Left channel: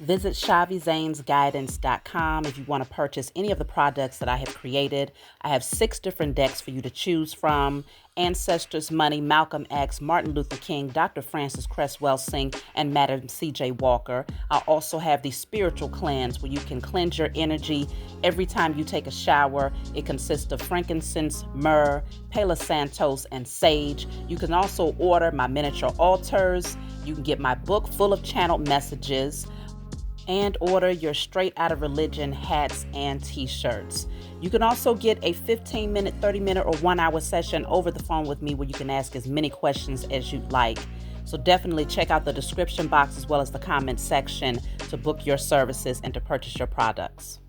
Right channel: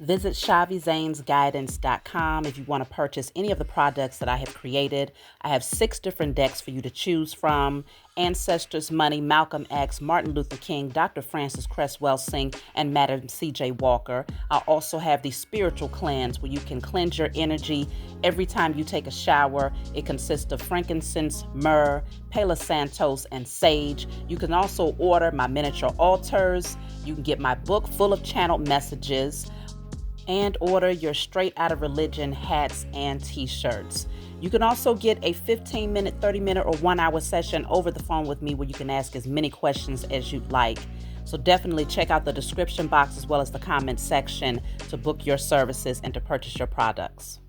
Visit ShaviZanesGuidance.com if you want to purchase any of the products that I have created. I have 6 different decks for you to choose from: Ancestors Money, Malcolm X, Martin Luther King, Dr. Francis Cress Welsing, and Madam C.J. Walker. I also have the Spiritual Cleanse, where you can cleanse your energy every time you take a shower. It consists of frankincense, myrrh, Palo Santos, and sage. You can also order my miniature altars. You can get my book full of channeled messages, and order your Straight Outta Religion hats and t-shirts. You can also get a 15-minute, 30-minute, or 1-hour session over the phone with me where you can ask as many questions as you'd like. So definitely check out the description box as well as the comment section to book your services and to purchase your products.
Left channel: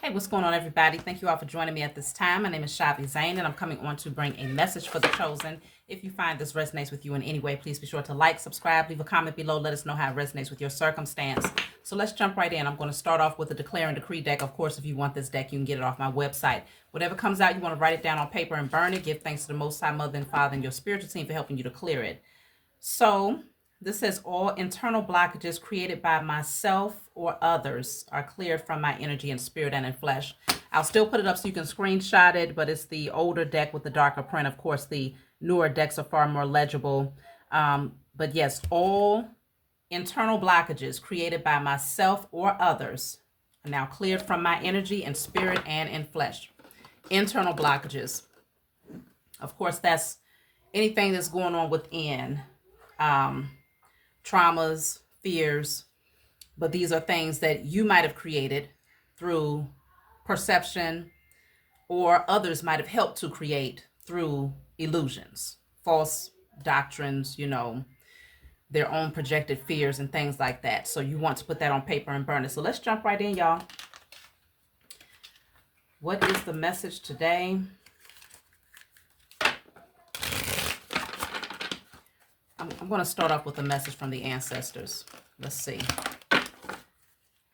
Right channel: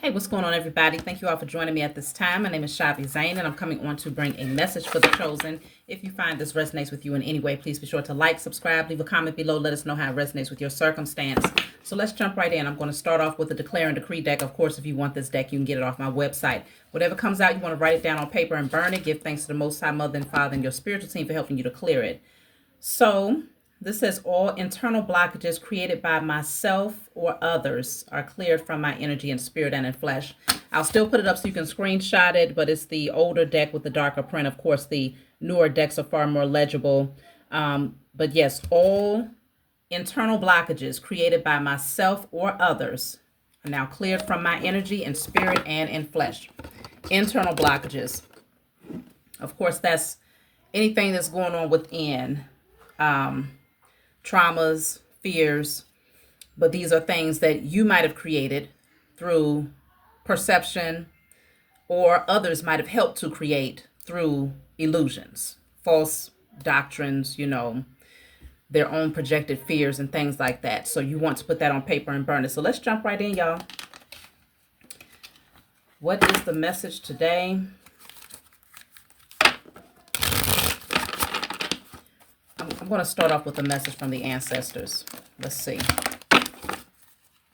Hey, what's going on, everybody? Thank you all for joining me at this time. My name is Shavi Zane, and I'm coming on to bring a message for the chosen. If you find this resonates with you in any way, please be sure to like, subscribe, leave a comment below. Let us know how it resonates with your circumstance. So let's jump right in. I'm going to start off with the Declare and Decree deck. Of course, if you want this deck, you can get it off my website. Whatever comes out, you want to write it down on paper and burn it. Give thanks to the Most High Mother and Father and your spiritual team for helping you to clear it. So this says, all internal blockages created by myself or others are cleared from my energy and spirit and in flesh. I'll still put it up so you can screenshot it, but it's the older deck with the darker print. Of course, the newer decks are far more legible. But yes, all internal blockages created by myself or others are now cleared from my energy and spirit and in flesh. Internal blockages. Of course, that's anything that's going on within. Traumas, fears, but these are things that you might have created through perception, or others might have helped to create through illusions, false doctrines, their own projected fears and things like that. So you want to put that on paper and burn it. So let's jump right in, y'all. What is the message today? I'm going to start off with a message from the ancestors. Let's see.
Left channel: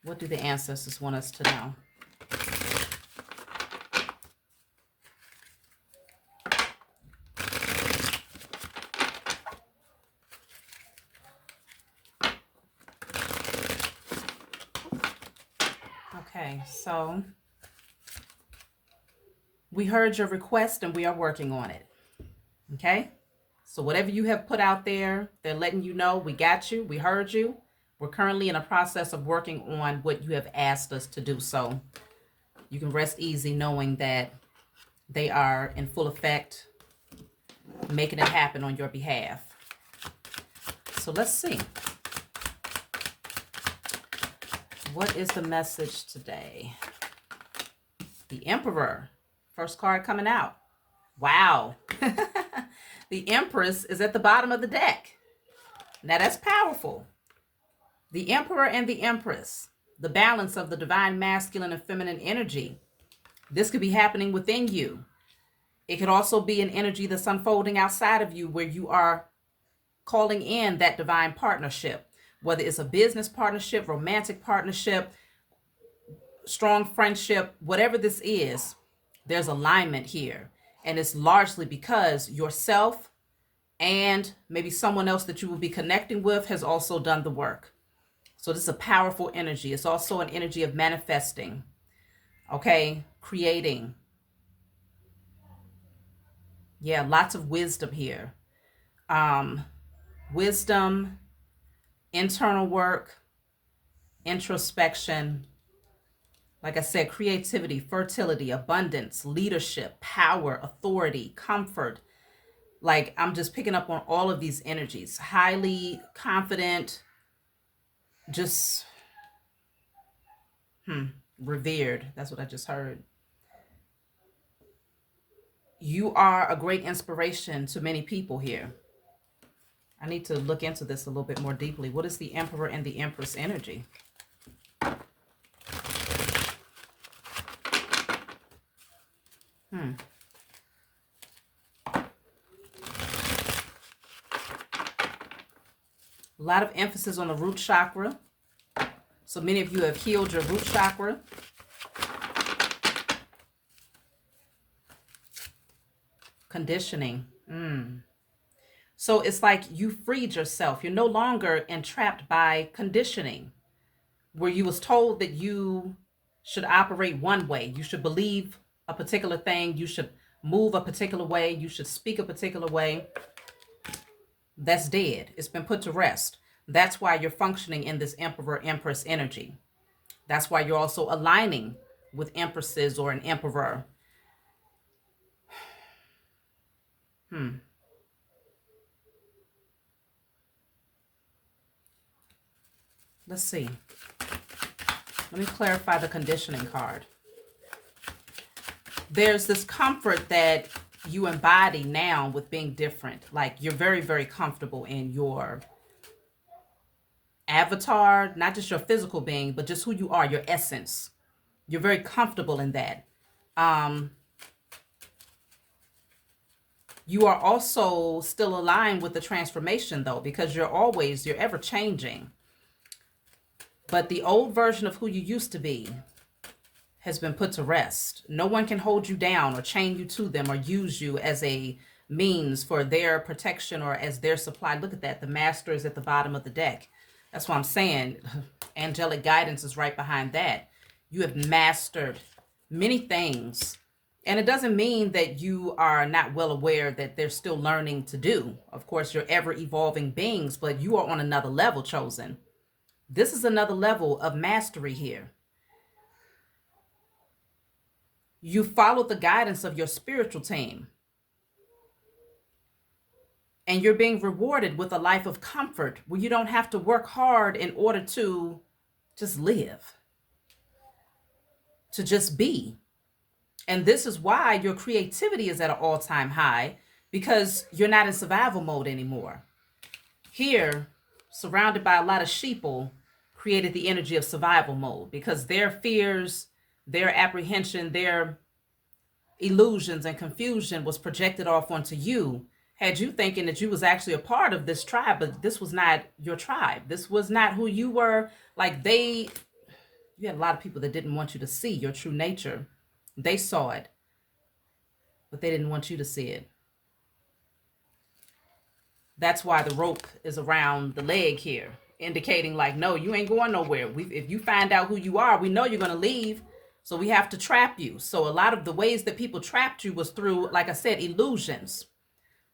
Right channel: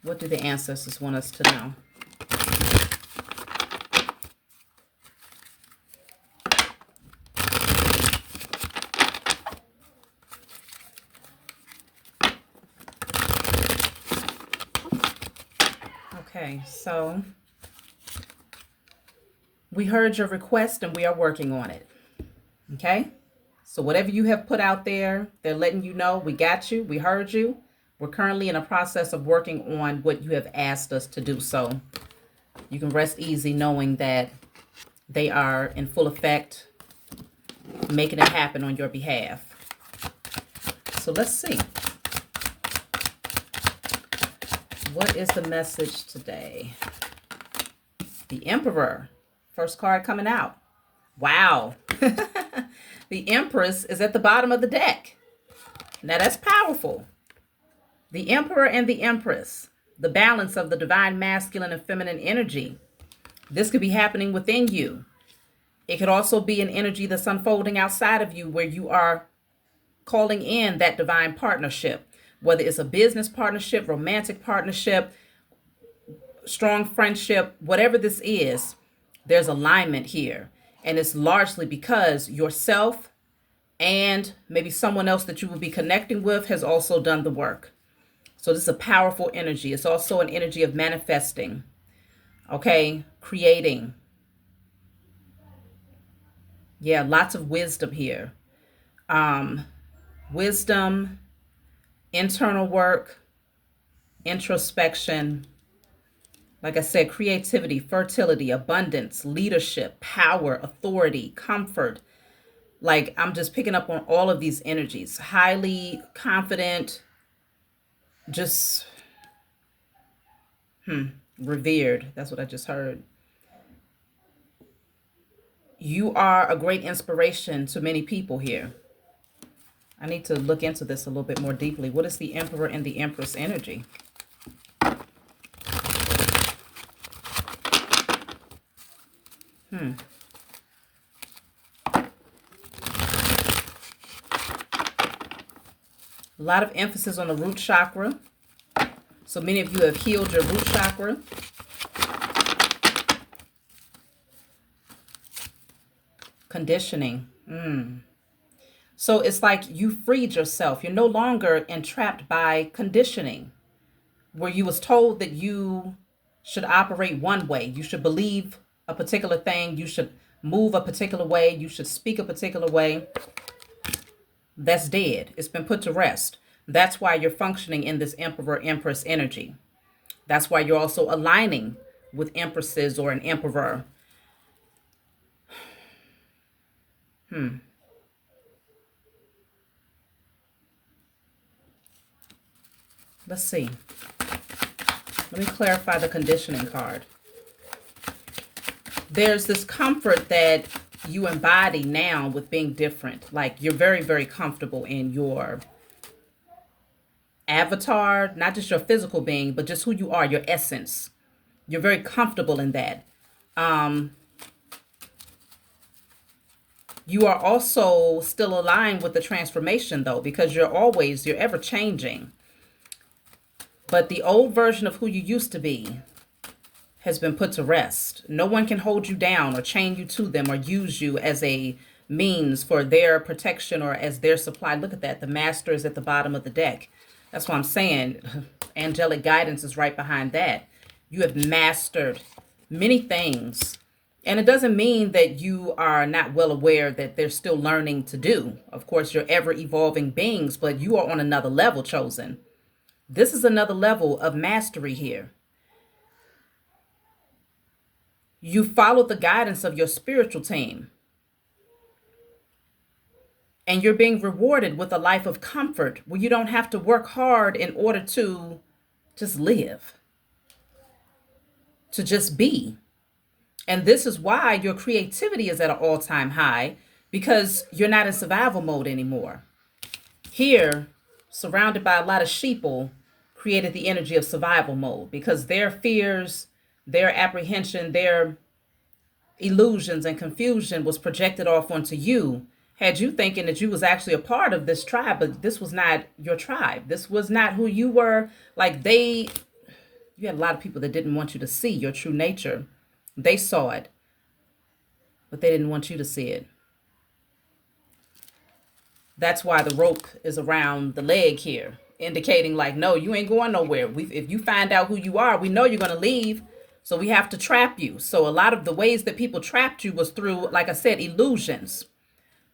What do the ancestors want us to know? Okay, so we heard your request and we are working on it. Okay? So whatever you have put out there, they're letting you know, we got you, we heard you. We're currently in a process of working on what you have asked us to do. So you can rest easy knowing that they are in full effect, making it happen on your behalf. So let's see. What is the message today? The Emperor. First card coming out. Wow. The Empress is at the bottom of the deck. Now that's powerful. The Emperor and the Empress, the balance of the divine masculine and feminine energy. This could be happening within you. It could also be an energy that's unfolding outside of you, where you are calling in that divine partnership, whether it's a business partnership, romantic partnership, strong friendship, whatever this is, there's alignment here. And it's largely because yourself and maybe someone else that you will be connecting with has also done the work. So this is a powerful energy. It's also an energy of manifesting, okay? Creating. Yeah, lots of wisdom here. Wisdom, internal work, introspection. Like I said, creativity, fertility, abundance, leadership, power, authority, comfort. Like, I'm just picking up on all of these energies. Highly confident, just revered. That's what I just heard. You are a great inspiration to many people here. I need to look into this a little bit more deeply. What is the Emperor and the Empress energy? A lot of emphasis on the root chakra. So many of you have healed your root chakra. Conditioning. So it's like you freed yourself. You're no longer entrapped by conditioning where you was told that you should operate one way. You should believe a particular thing. You should move a particular way. You should speak a particular way. That's dead. It's been put to rest. That's why you're functioning in this Emperor Empress energy. That's why you're also aligning with empresses or an emperor. Let's see. Let me clarify the conditioning card. There's this comfort that you embody now with being different. Like you're very, very comfortable in your avatar, not just your physical being, but just who you are, your essence. You're very comfortable in that. You are also still aligned with the transformation though, because you're ever changing. But the old version of who you used to be has been put to rest. No one can hold you down or chain you to them or use you as a means for their protection or as their supply. Look at that. The master is at the bottom of the deck. That's what I'm saying. Angelic guidance is right behind that. You have mastered many things. And it doesn't mean that you are not well aware that they're still learning to do. Of course, you're ever evolving beings, but you are on another level, chosen. This is another level of mastery here. You followed the guidance of your spiritual team. And you're being rewarded with a life of comfort where you don't have to work hard in order to just live, to just be. And this is why your creativity is at an all-time high, because you're not in survival mode anymore. Here, surrounded by a lot of sheeple, created the energy of survival mode because their fears, their apprehension, their illusions and confusion was projected off onto you, had you thinking that you was actually a part of this tribe, but this was not your tribe. This was not who you were. Like you had a lot of people that didn't want you to see your true nature. They saw it, but they didn't want you to see it. That's why the rope is around the leg here, indicating like, no, you ain't going nowhere. If you find out who you are, we know you're going to leave. So we have to trap you. So a lot of the ways that people trapped you was through, like I said, illusions,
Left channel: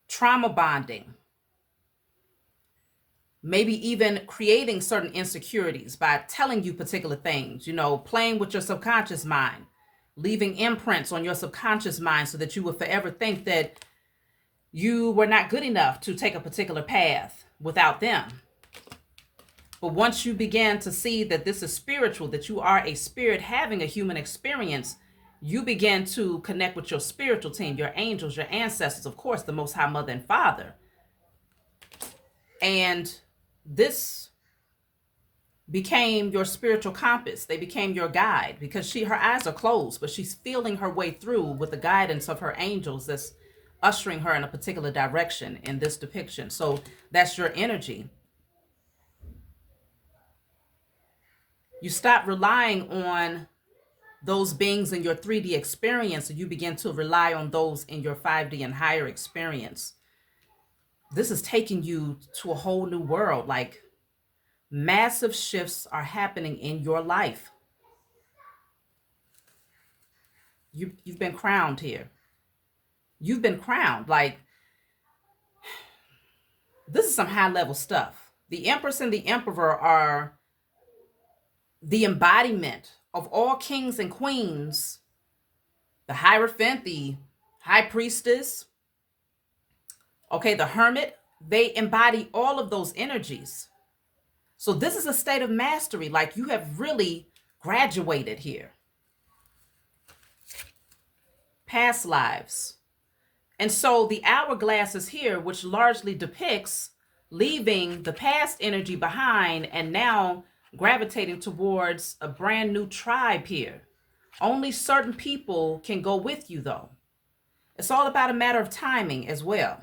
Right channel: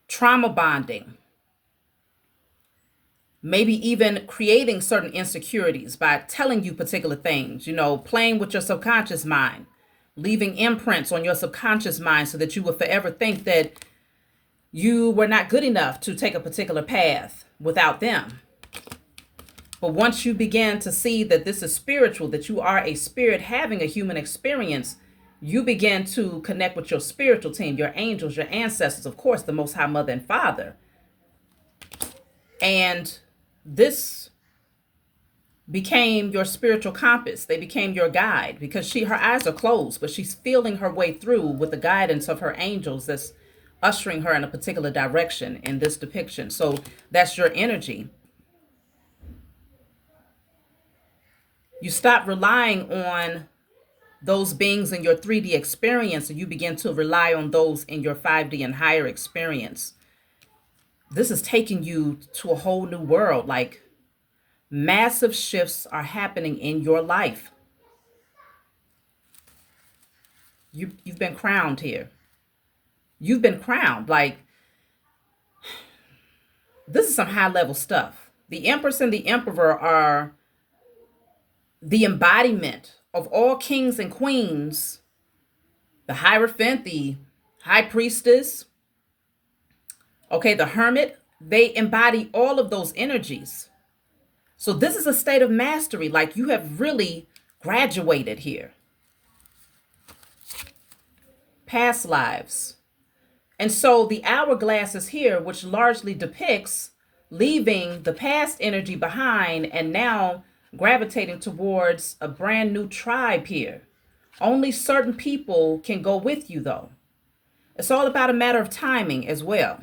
trauma bonding, maybe even creating certain insecurities by telling you particular things, playing with your subconscious mind, leaving imprints on your subconscious mind so that you would forever think that you were not good enough to take a particular path without them. But once you begin to see that this is spiritual, that you are a spirit having a human experience, you begin to connect with your spiritual team, your angels, your ancestors, of course, the Most High Mother and Father. And this became your spiritual compass. They became your guide because her eyes are closed, but she's feeling her way through with the guidance of her angels that's ushering her in a particular direction in this depiction. So that's your energy. You stop relying on those beings in your 3D experience and you begin to rely on those in your 5D and higher experience. This is taking you to a whole new world. Like massive shifts are happening in your life. You've been crowned here. You've been crowned. Like this is some high level stuff. The Empress and the Emperor are the embodiment of all kings and queens, the Hierophant, the High Priestess, okay, the Hermit, they embody all of those energies. So this is a state of mastery, like you have really graduated here. Past lives. And so the hourglass is here, which largely depicts leaving the past energy behind and now gravitating towards a brand new tribe here. Only certain people can go with you, though. It's all about a matter of timing as well.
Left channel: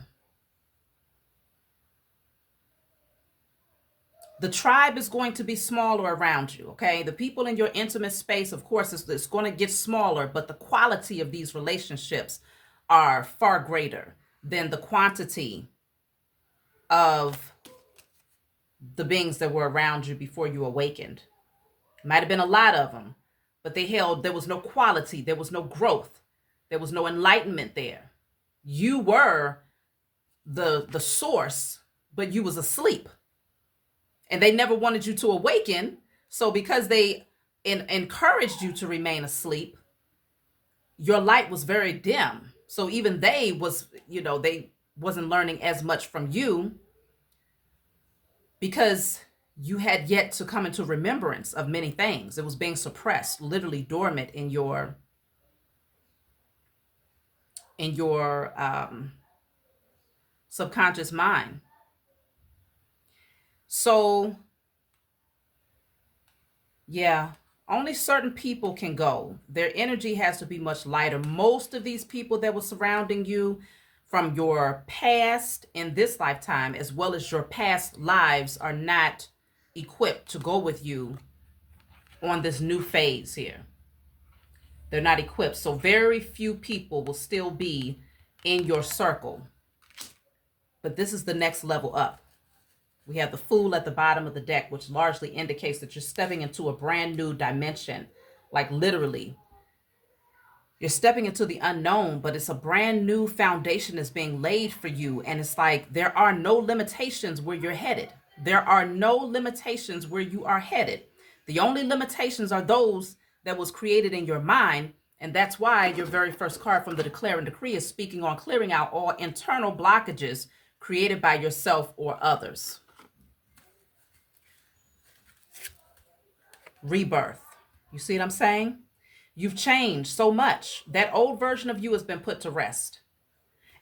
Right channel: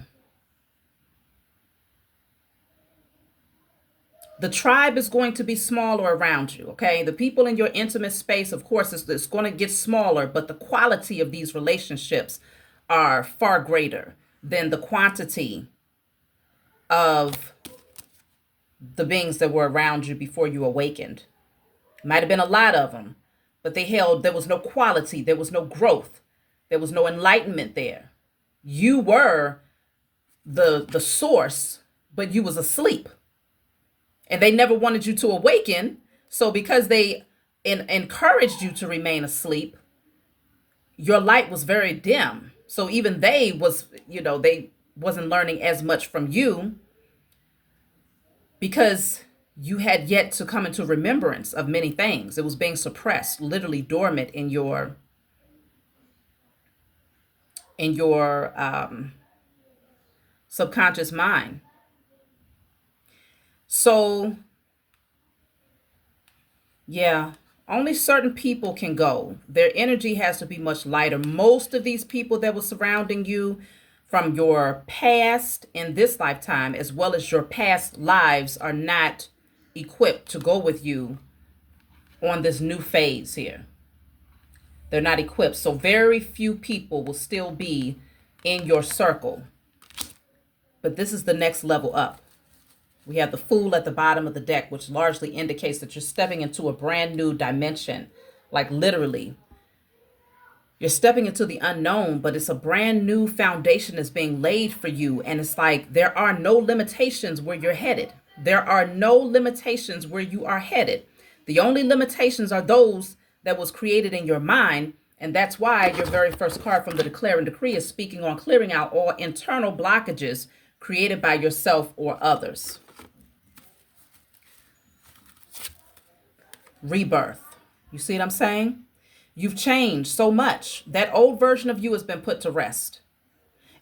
The tribe is going to be smaller around you, okay? The people in your intimate space, of course, it's going to get smaller, but the quality of these relationships are far greater than the quantity of the beings that were around you before you awakened. Might have been a lot of them, but there was no quality, there was no growth, there was no enlightenment there. You were the source, but you was asleep. And they never wanted you to awaken. So because they encouraged you to remain asleep, your light was very dim. So even they wasn't learning as much from you, because you had yet to come into remembrance of many things. It was being suppressed, literally dormant in your subconscious mind. So yeah, only certain people can go. Their energy has to be much lighter. Most of these people that were surrounding you from your past in this lifetime, as well as your past lives, are not equipped to go with you on this new phase here. They're not equipped. So very few people will still be in your circle. But this is the next level up. We have the Fool at the bottom of the deck, which largely indicates that you're stepping into a brand new dimension. Like literally, you're stepping into the unknown, but it's a brand new foundation that's being laid for you. And it's like there are no limitations where you're headed. There are no limitations where you are headed. The only limitations are those that was created in your mind. And that's why your very first card from the Declare and Decree is speaking on clearing out all internal blockages created by yourself or others. Rebirth. You see what I'm saying? You've changed so much. That old version of you has been put to rest.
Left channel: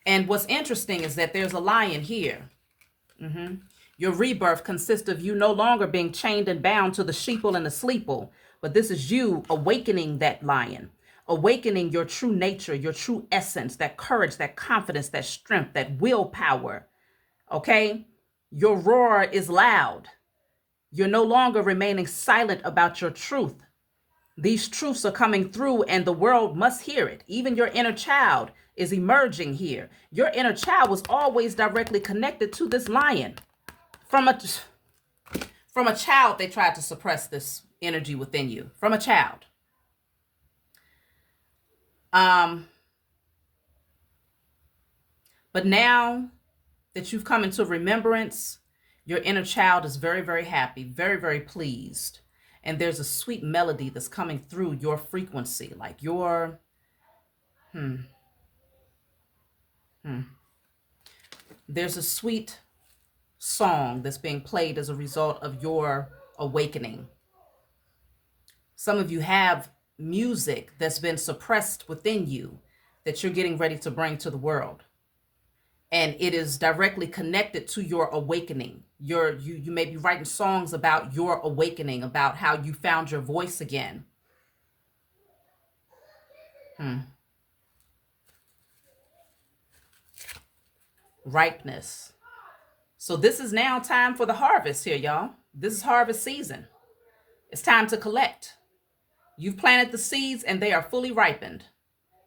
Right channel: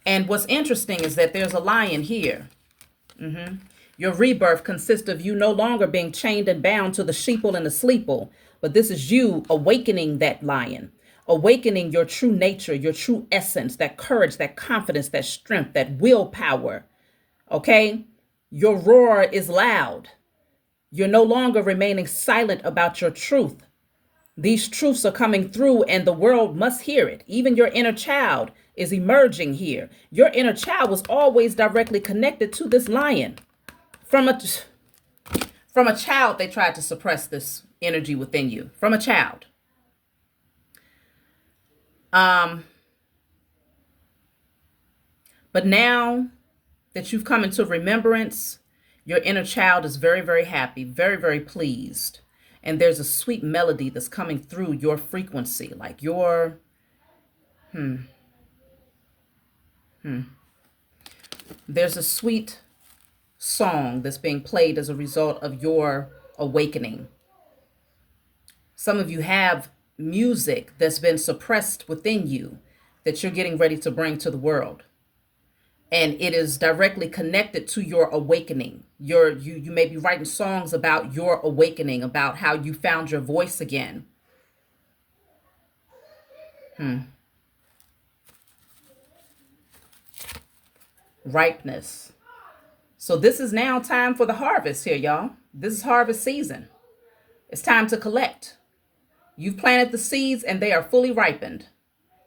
And what's interesting is that there's a lion here. Your rebirth consists of you no longer being chained and bound to the sheeple and the sleeple, but this is you awakening that lion, awakening your true nature, your true essence, that courage, that confidence, that strength, that willpower. Okay? Your roar is loud. You're no longer remaining silent about your truth. These truths are coming through and the world must hear it. Even your inner child is emerging here. Your inner child was always directly connected to this lion. From a child, they tried to suppress this energy within you. From a child. But now that you've come into remembrance, your inner child is very, very happy, very, very pleased. And there's a sweet melody that's coming through your frequency, like your, There's a sweet song that's being played as a result of your awakening. Some of you have music that's been suppressed within you that you're getting ready to bring to the world. And it is directly connected to your awakening. You may be writing songs about your awakening, about how you found your voice again. Ripeness. So this is now time for the harvest here, y'all. This is harvest season. It's time to collect. You've planted the seeds and they are fully ripened.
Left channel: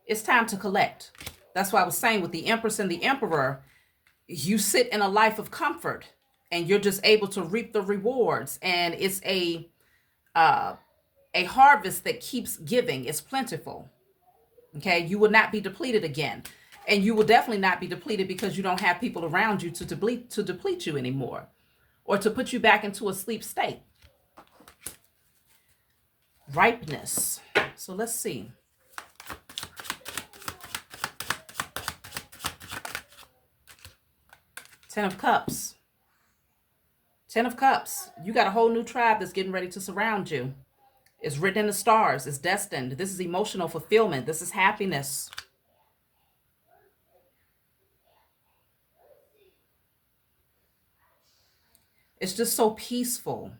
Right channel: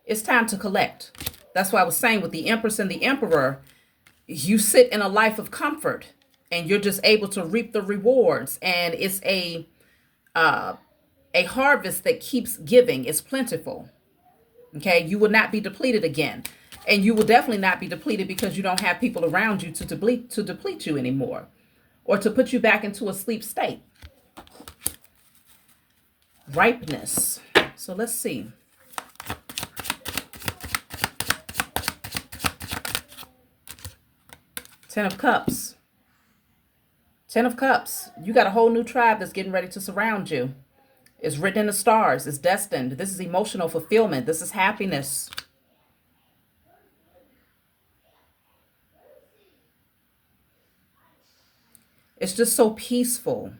It's time to collect. That's why I was saying with the Empress and the Emperor, you sit in a life of comfort and you're just able to reap the rewards. And it's a harvest that keeps giving. It's plentiful. Okay, you will not be depleted again. And you will definitely not be depleted because you don't have people around you to deplete you anymore or to put you back into a sleep state. Ripeness. So let's see. Ten of Cups. Ten of Cups. You got a whole new tribe that's getting ready to surround you. It's written in the stars. It's destined. This is emotional fulfillment. This is happiness. It's just so peaceful.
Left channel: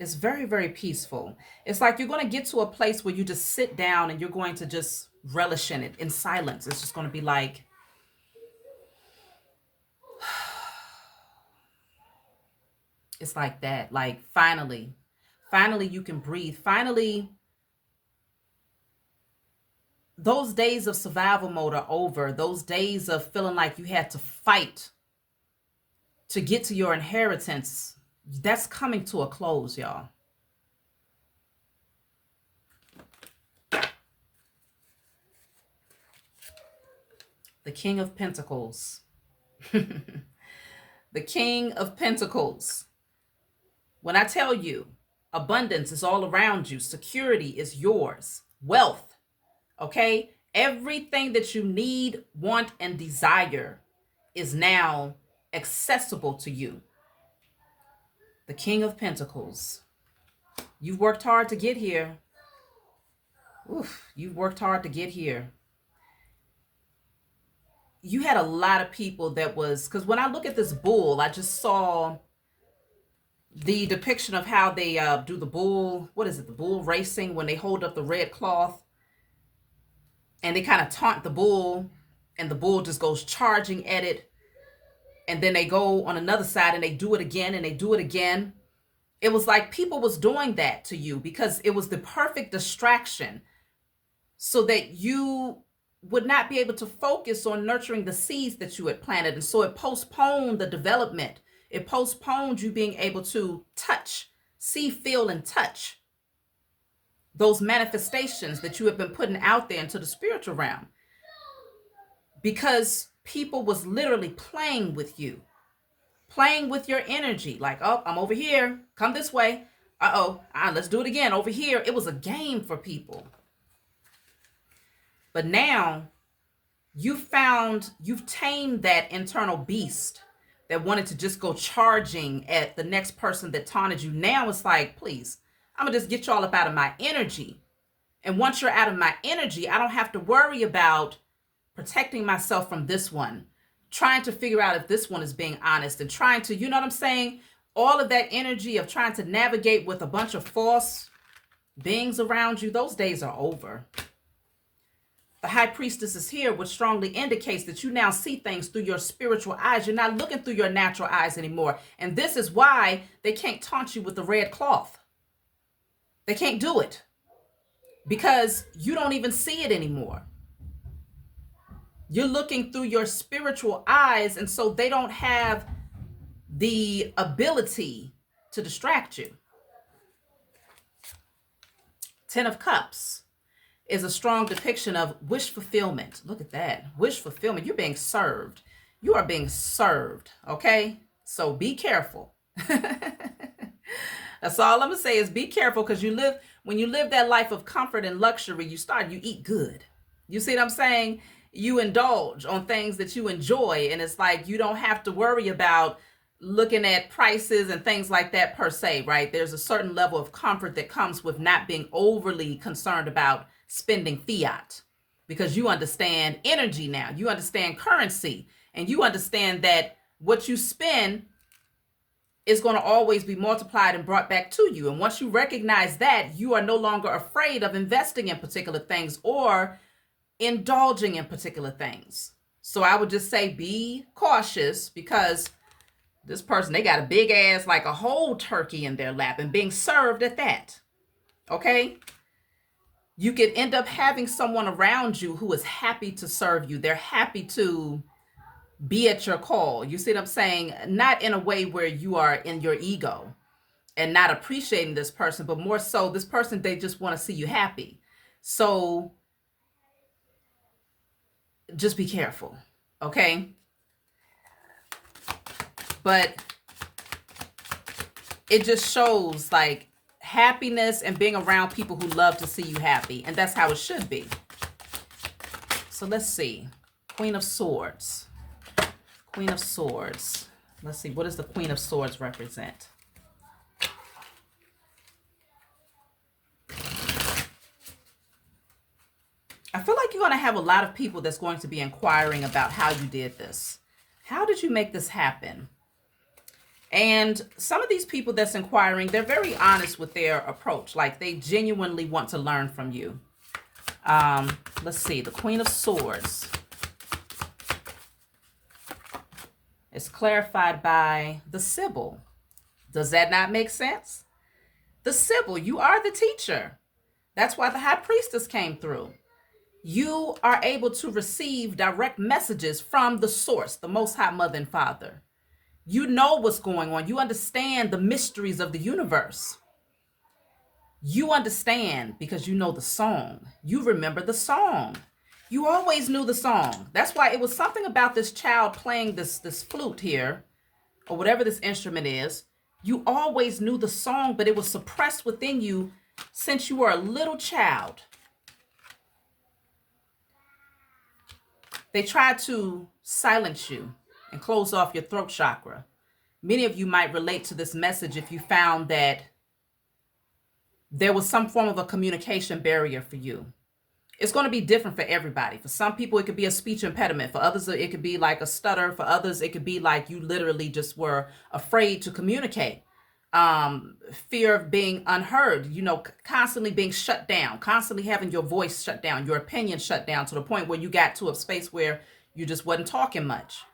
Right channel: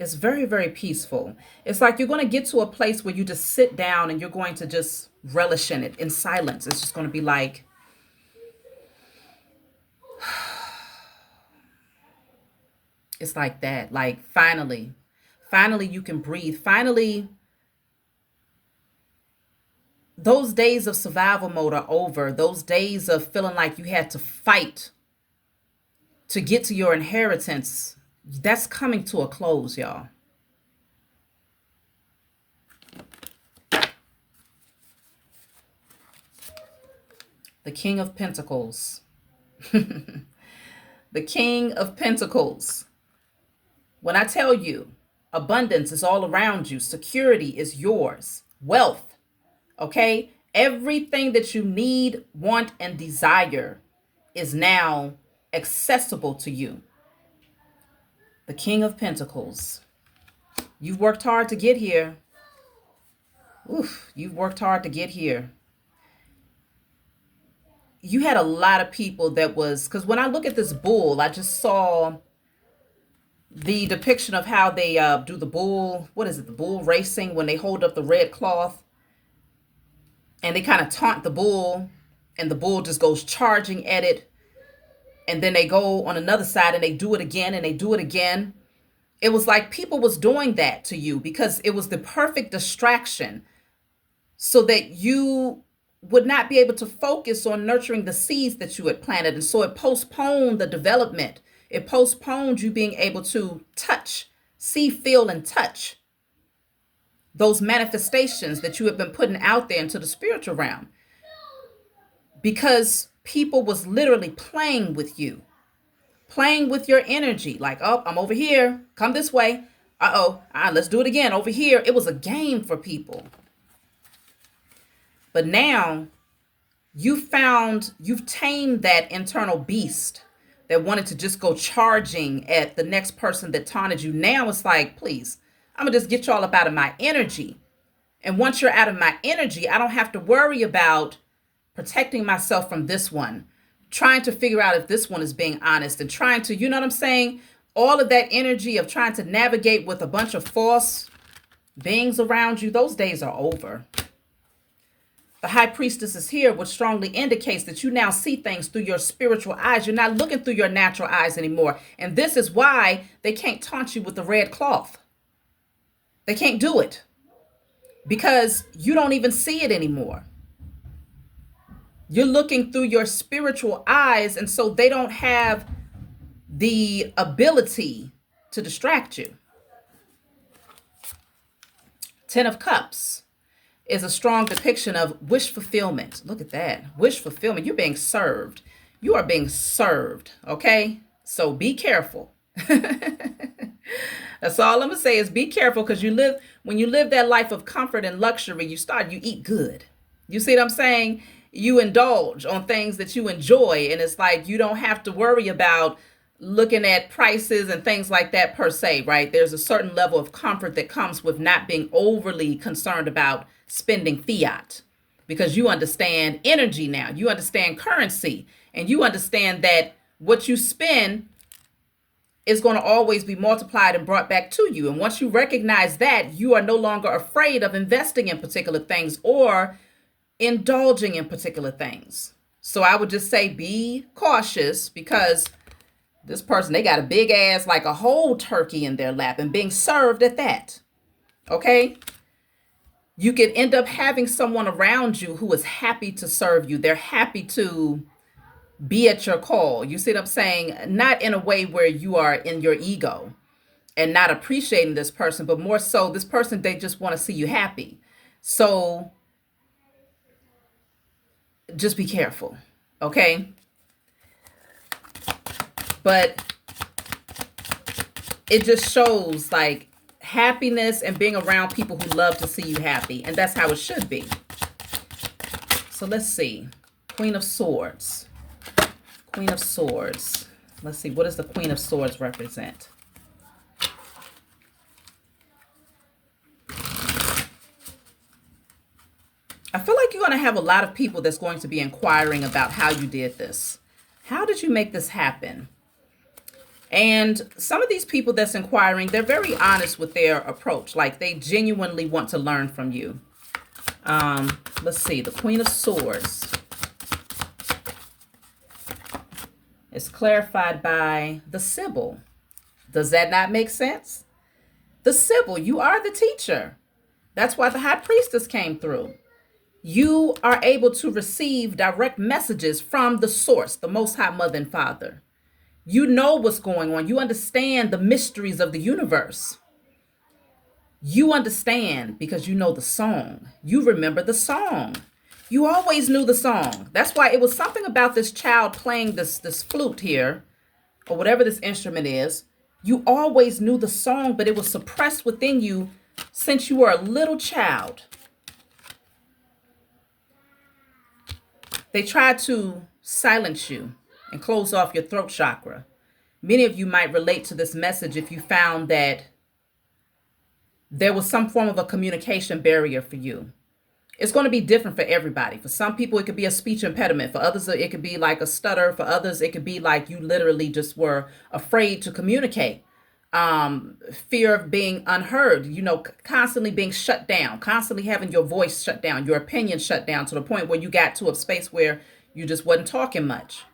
It's very, very peaceful. It's like you're going to get to a place where you just sit down and you're going to just relish in it in silence. It's just going to be like, it's like that. Like finally you can breathe. Finally, those days of survival mode are over. Those days of feeling like you had to fight to get to your inheritance, that's coming to a close, y'all. The King of Pentacles. The King of Pentacles. When I tell you, abundance is all around you, security is yours, wealth, okay? Everything that you need, want, and desire is now accessible to you. The King of Pentacles. You've worked hard to get here. Oof, you've worked hard to get here. You had a lot of people that was, because when I look at this bull, I just saw the depiction of how they do the bull, what is it, the bull racing, when they hold up the red cloth and they kind of taunt the bull and the bull just goes charging at it. And then they go on another side and they do it again and they do it again. It was like people was doing that to you because it was the perfect distraction so that you would not be able to focus on nurturing the seeds that you had planted. And so it postponed the development. It postponed you being able to touch, see, feel, and touch those manifestations that you have been putting out there into the spiritual realm. Because people was literally playing with you, playing with your energy. Like, oh, I'm over here. Come this way. Let's do it again over here. It was a game for people. But now you've tamed that internal beast that wanted to just go charging at the next person that taunted you. Now it's like, please, I'm gonna just get y'all up out of my energy. And once you're out of my energy, I don't have to worry about protecting myself from this one, trying to figure out if this one is being honest and trying to, you know what I'm saying? All of that energy of trying to navigate with a bunch of false beings around you, those days are over. The High Priestess is here, which strongly indicates that you now see things through your spiritual eyes. You're not looking through your natural eyes anymore. And this is why they can't taunt you with the red cloth. They can't do it because you don't even see it anymore. You're looking through your spiritual eyes, and so they don't have the ability to distract you. Ten of Cups is a strong depiction of wish fulfillment. Look at that. Wish fulfillment. You're being served. You are being served, okay? So be careful. That's all I'm going to say is be careful, because when you live that life of comfort and luxury, you eat good. You see what I'm saying? You indulge on things that you enjoy, and it's like you don't have to worry about looking at prices and things like that per se, right? There's a certain level of comfort that comes with not being overly concerned about spending fiat, because you understand energy now. You understand currency, and you understand that what you spend is going to always be multiplied and brought back to you. And once you recognize that, you are no longer afraid of investing in particular things or indulging in particular things. So I would just say be cautious, because this person, they got a big ass, like a whole turkey in their lap, and being served at that. Okay? You could end up having someone around you who is happy to serve you. They're happy to be at your call. You see what I'm saying? Not in a way where you are in your ego and not appreciating this person, but more so this person, they just want to see you happy. So just be careful, okay? But it just shows like happiness and being around people who love to see you happy. And that's how it should be. So let's see. Queen of Swords. Queen of Swords. Let's see. What does the Queen of Swords represent? I feel like you're going to have a lot of people that's going to be inquiring about how you did this. How did you make this happen? And some of these people that's inquiring, they're very honest with their approach. Like they genuinely want to learn from you. Let's see. The Queen of Swords is clarified by the Sibyl. Does that not make sense? The Sibyl, you are the teacher. That's why the High Priestess came through. You are able to receive direct messages from the source, the Most High Mother and Father. You know what's going on. You understand the mysteries of the universe. You understand because you know the song. You remember the song. You always knew the song. That's why it was something about this child playing this flute here, or whatever this instrument is. You always knew the song, but it was suppressed within you since you were a little child. They tried to silence you and close off your throat chakra. Many of you might relate to this message if you found that there was some form of a communication barrier for you. It's going to be different for everybody. For some people, it could be a speech impediment. For others, it could be like a stutter. For others, it could be like you literally just were afraid to communicate. Fear of being unheard, constantly being shut down, constantly having your voice shut down, your opinion shut down to the point where you got to a space where you just wasn't talking much.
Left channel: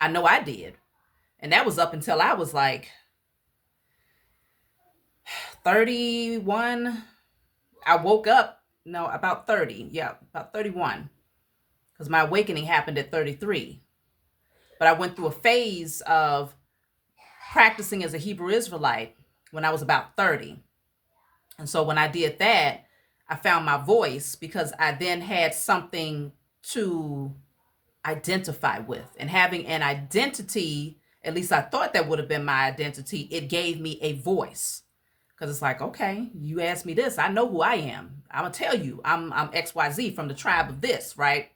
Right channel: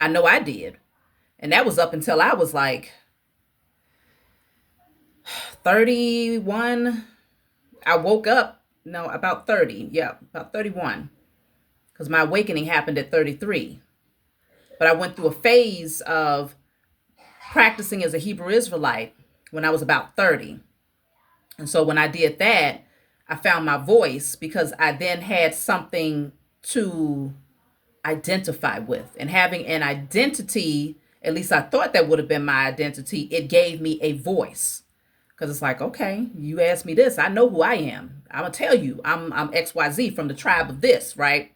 I know I did. And that was up until I was like 31. I woke up, about 30. Yeah, about 31. Because my awakening happened at 33. But I went through a phase of practicing as a Hebrew Israelite when I was about 30. And so when I did that, I found my voice because I then had something to identify with. And having an identity, at least I thought that would have been my identity, it gave me a voice. Because it's like, okay, you asked me this, I know who I am. I'm going to tell you, I'm XYZ from the tribe of this, right?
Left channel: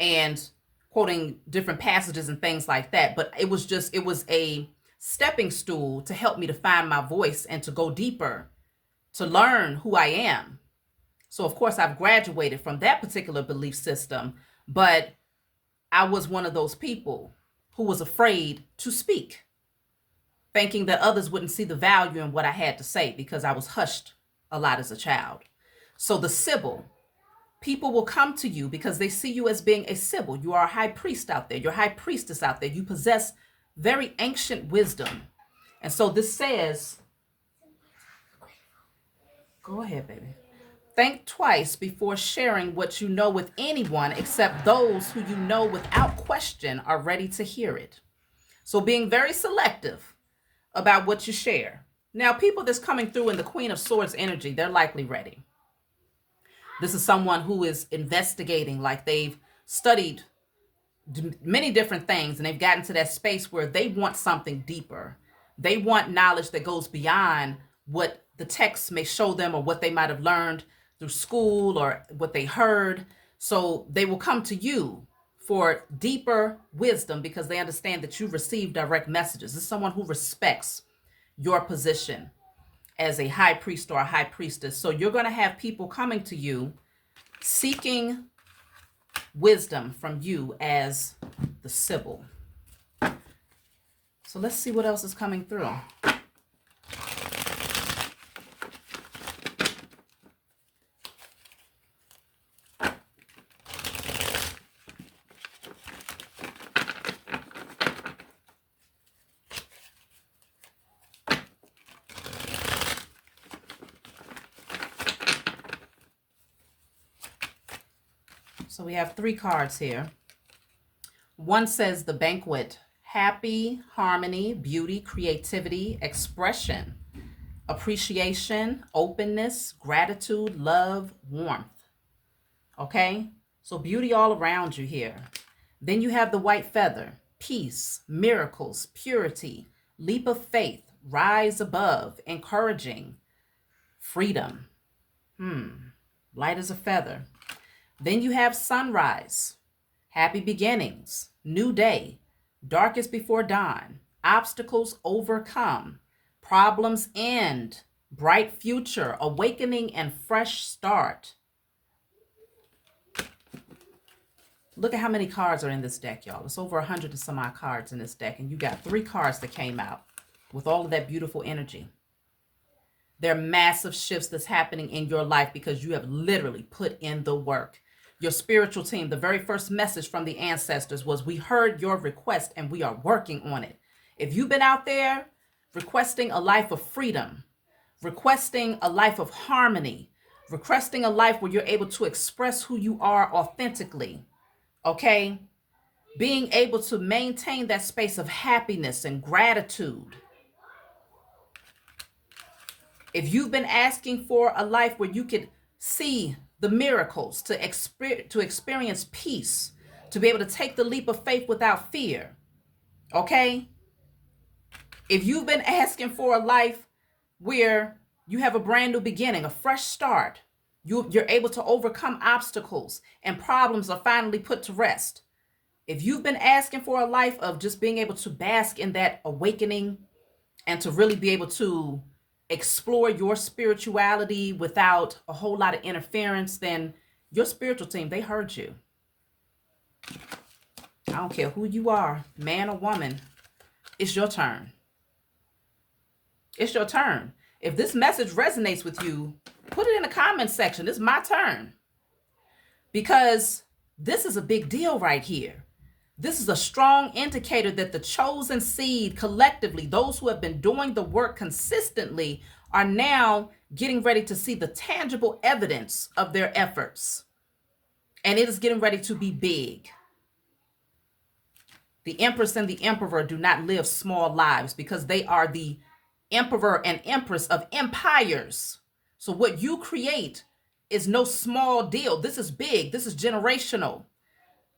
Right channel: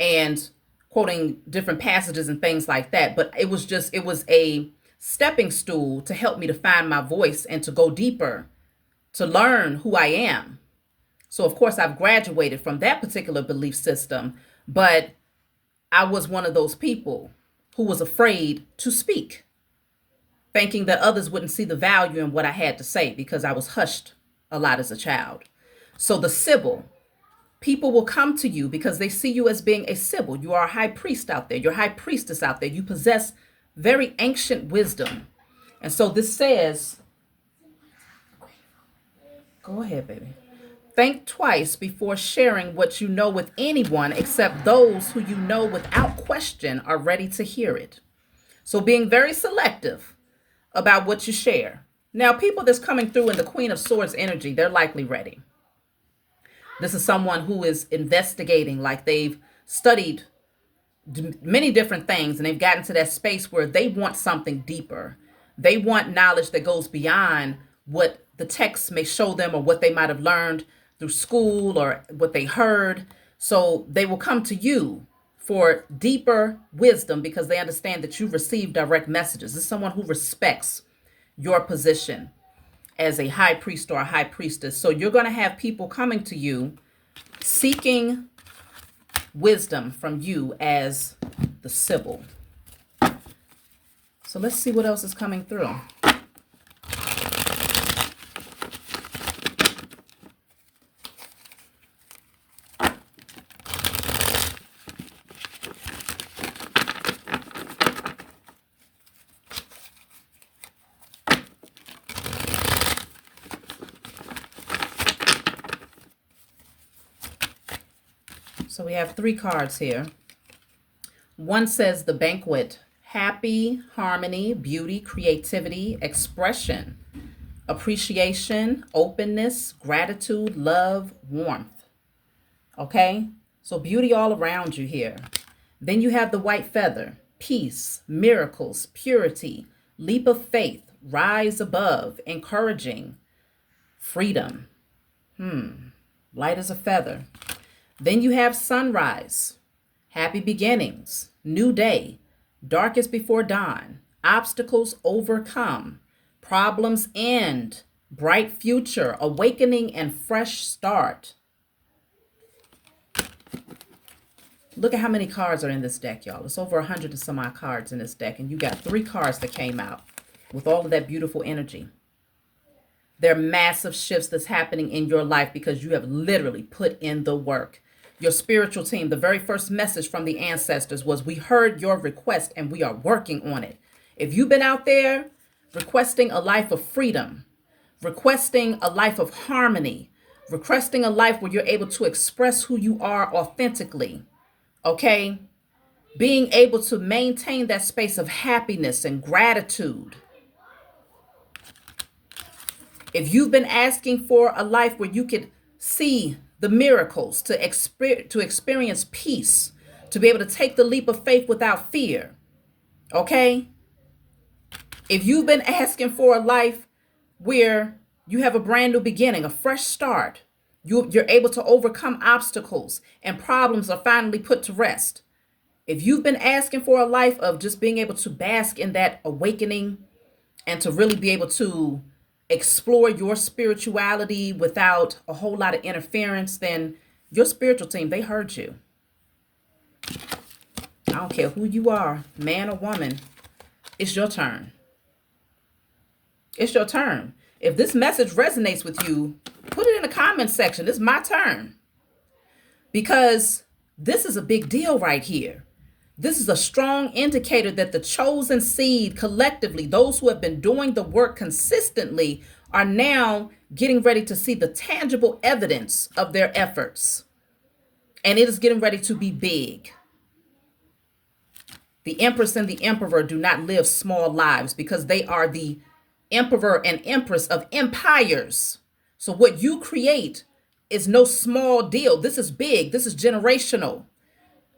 And quoting different passages and things like that. But it was a stepping stool to help me to find my voice and to go deeper, to learn who I am. So, of course, I've graduated from that particular belief system, but I was one of those people who was afraid to speak, thinking that others wouldn't see the value in what I had to say because I was hushed a lot as a child. So the Sibyl, people will come to you because they see you as being a Sibyl. You are a high priest out there. You're a high priestess out there. You possess very ancient wisdom. And so this says, go ahead, baby. Think twice before sharing what you know with anyone except those who you know without question are ready to hear it. So being very selective about what you share. Now, people that's coming through in the Queen of Swords energy, they're likely ready. This is someone who is investigating, like they've studied many different things and they've gotten to that space where they want something deeper. They want knowledge that goes beyond what the text may show them or what they might have learned through school or what they heard. So they will come to you for deeper wisdom because they understand that you receive direct messages. This is someone who respects your position as a high priest or a high priestess. So you're going to have people coming to you seeking wisdom from you as the Sibyl. So let's see what else is coming through. So we have 3 cards here. One says the banquet, happy, harmony, beauty, creativity, expression, appreciation, openness, gratitude, love, warmth. Okay, so beauty all around you here. Then you have the white feather, peace, miracles, purity, leap of faith, rise above, encouraging, freedom. Light as a feather. Then you have sunrise, happy beginnings, new day, darkest before dawn, obstacles overcome, problems end, bright future, awakening and fresh start. Look at how many cards are in this deck, y'all. It's over 100 and some odd cards in this deck, and you got 3 cards that came out with all of that beautiful energy. There are massive shifts that's happening in your life because you have literally put in the work. Your spiritual team, the very first message from the ancestors was, we heard your request and we are working on it. If you've been out there requesting a life of freedom, requesting a life of harmony, requesting a life where you're able to express who you are authentically, okay? being able to maintain that space of happiness and gratitude. If you've been asking for a life where you could see the miracles, to experience peace, to be able to take the leap of faith without fear, okay? If you've been asking for a life where you have a brand new beginning, a fresh start, you're able to overcome obstacles and problems are finally put to rest. If you've been asking for a life of just being able to bask in that awakening and to really be able to explore your spirituality without a whole lot of interference, then your spiritual team, they heard you. I don't care who you are, man or woman, it's your turn. It's your turn. If this message resonates with you, put it in the comment section. It's my turn. Because this is a big deal right here. This is a strong indicator that the chosen seed collectively, those who have been doing the work consistently, are now getting ready to see the tangible evidence of their efforts. And it is getting ready to be big. The Empress and the Emperor do not live small lives because they are the Emperor and Empress of empires. So what you create is no small deal. This is big. This is generational.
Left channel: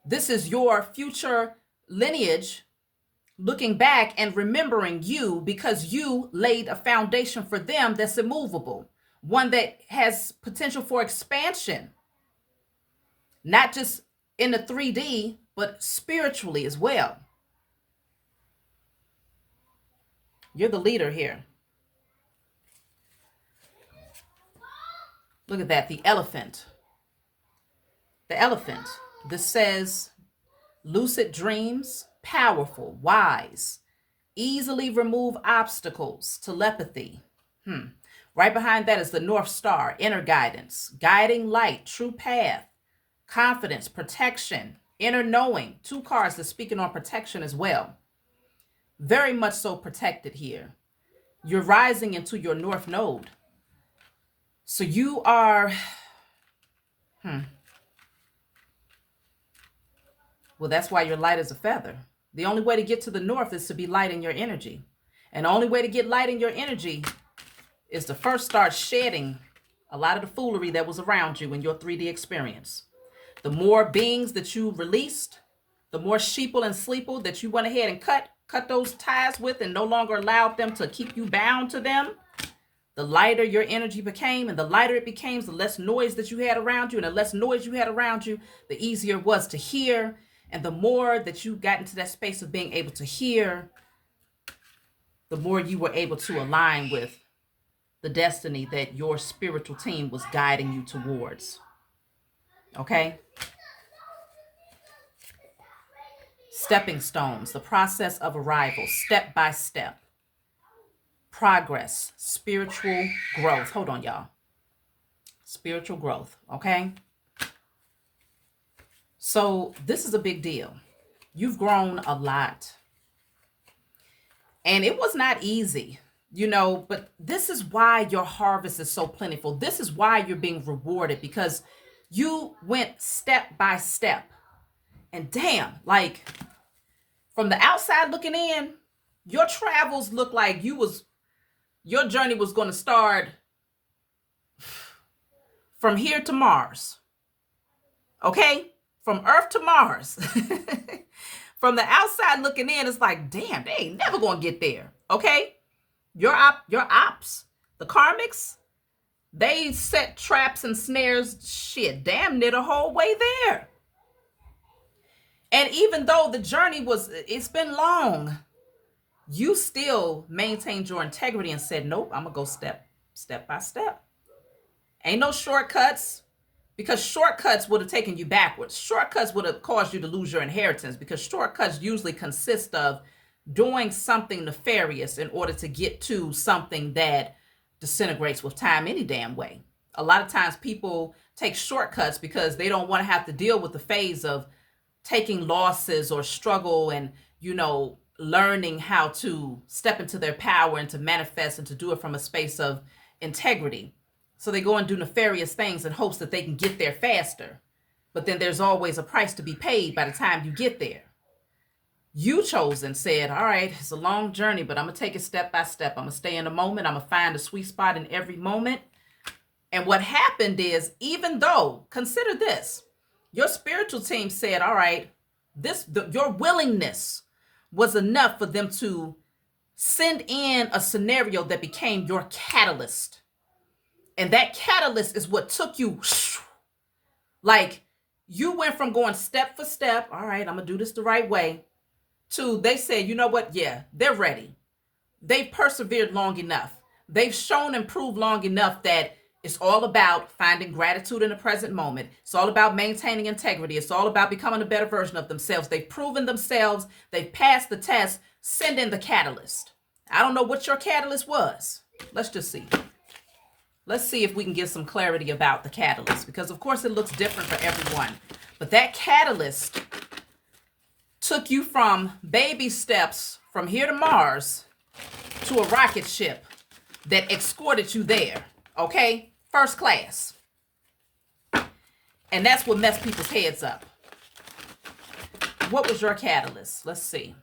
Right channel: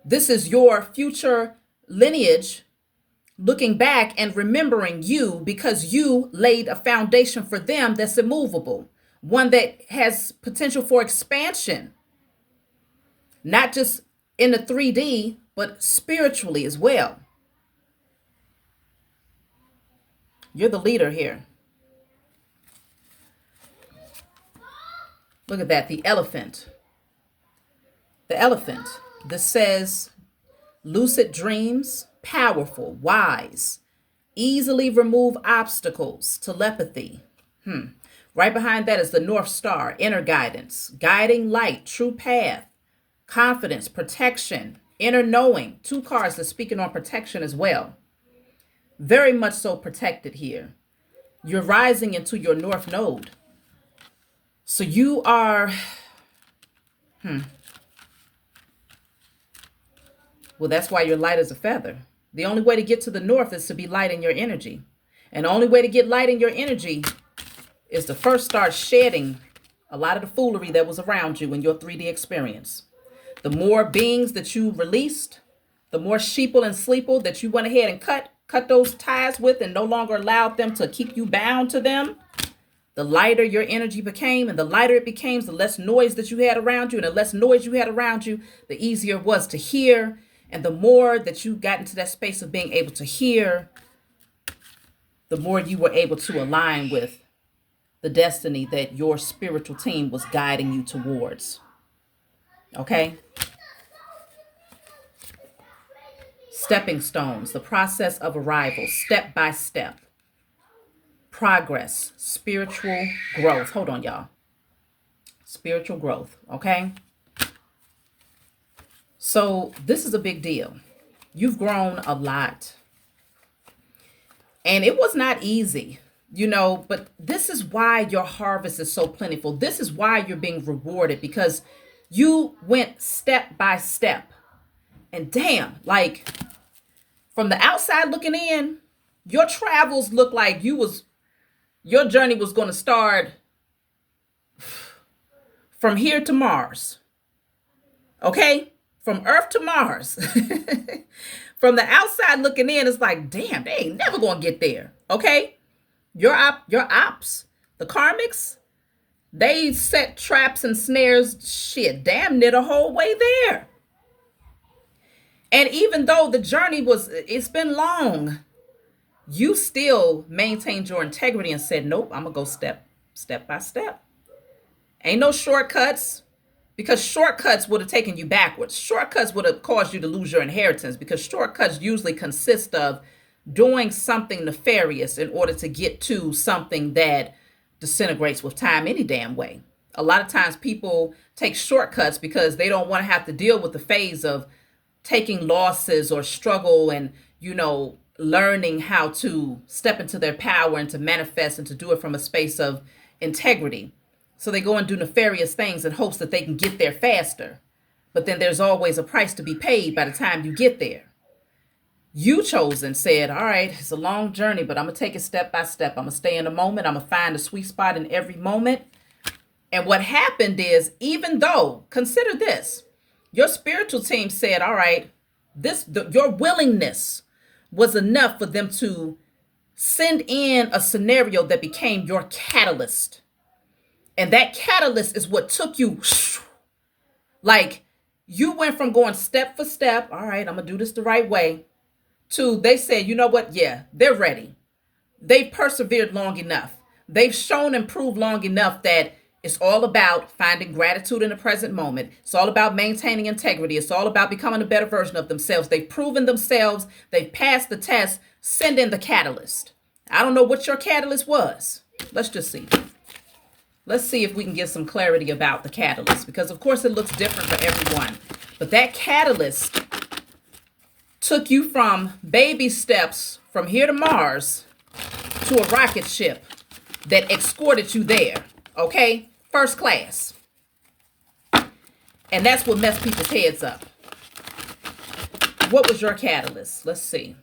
This is your future lineage looking back and remembering you because you laid a foundation for them that's immovable, one that has potential for expansion, not just in the 3D, but spiritually as well. You're the leader here. Look at that, the elephant. The elephant. This says lucid dreams, powerful, wise, easily remove obstacles, telepathy. Right behind that is the North Star, inner guidance, guiding light, true path, confidence, protection, inner knowing. 2 cards are speaking on protection as well. Very much so protected here. You're rising into your North Node. So you are, well, that's why you're light as a feather. The only way to get to the North is to be light in your energy. And the only way to get light in your energy is to first start shedding a lot of the foolery that was around you in your 3D experience. The more beings that you released, the more sheeple and sleeple that you went ahead and cut those ties with and no longer allowed them to keep you bound to them, the lighter your energy became, and the lighter it became, the less noise that you had around you, and the less noise you had around you, the easier it was to hear. And the more that you got into that space of being able to hear, the more you were able to align with the destiny that your spiritual team was guiding you towards. Okay? Stepping stones, the process of arrival, step by step. Progress, spiritual growth. Hold on, y'all. Spiritual growth, okay? So this is a big deal. You've grown a lot. And it was not easy, but this is why your harvest is so plentiful. This is why you're being rewarded, because you went step by step. And damn, like from the outside looking in, your travels look like your journey was going to start from here to Mars. Okay? From Earth to Mars. From the outside looking in, it's like, damn, they ain't never going to get there. Okay? Your ops, the karmics, they set traps and snares, shit, damn near the whole way there. And even though the journey it's been long, you still maintained your integrity and said, nope, I'm going to go step by step. Ain't no shortcuts, because shortcuts would have taken you backwards. Shortcuts would have caused you to lose your inheritance, because shortcuts usually consist of doing something nefarious in order to get to something that disintegrates with time any damn way. A lot of times people take shortcuts because they don't want to have to deal with the phase of taking losses or struggle and, learning how to step into their power and to manifest and to do it from a space of integrity. So they go and do nefarious things in hopes that they can get there faster. But then there's always a price to be paid by the time you get there. You chosen said, all right, it's a long journey, but I'm going to take it step by step. I'm going to stay in the moment. I'm going to find the sweet spot in every moment. And what happened is, even though, consider this, your spiritual team said, all right, your willingness was enough for them to send in a scenario that became your catalyst. And that catalyst is what took you, like, you went from going step for step, all right, I'm going to do this the right way, to they said, you know what? Yeah, they're ready. They've persevered long enough. They've shown and proved long enough that it's all about finding gratitude in the present moment. It's all about maintaining integrity. It's all about becoming a better version of themselves. They've proven themselves. They've passed the test. Send in the catalyst. I don't know what your catalyst was. Let's just see. Let's see if we can get some clarity about the catalyst, because of course it looks different for everyone. But that catalyst took you from baby steps from here to Mars to a rocket ship that escorted you there. Okay? First class. And that's what messed people's heads up. What was your catalyst? Let's see.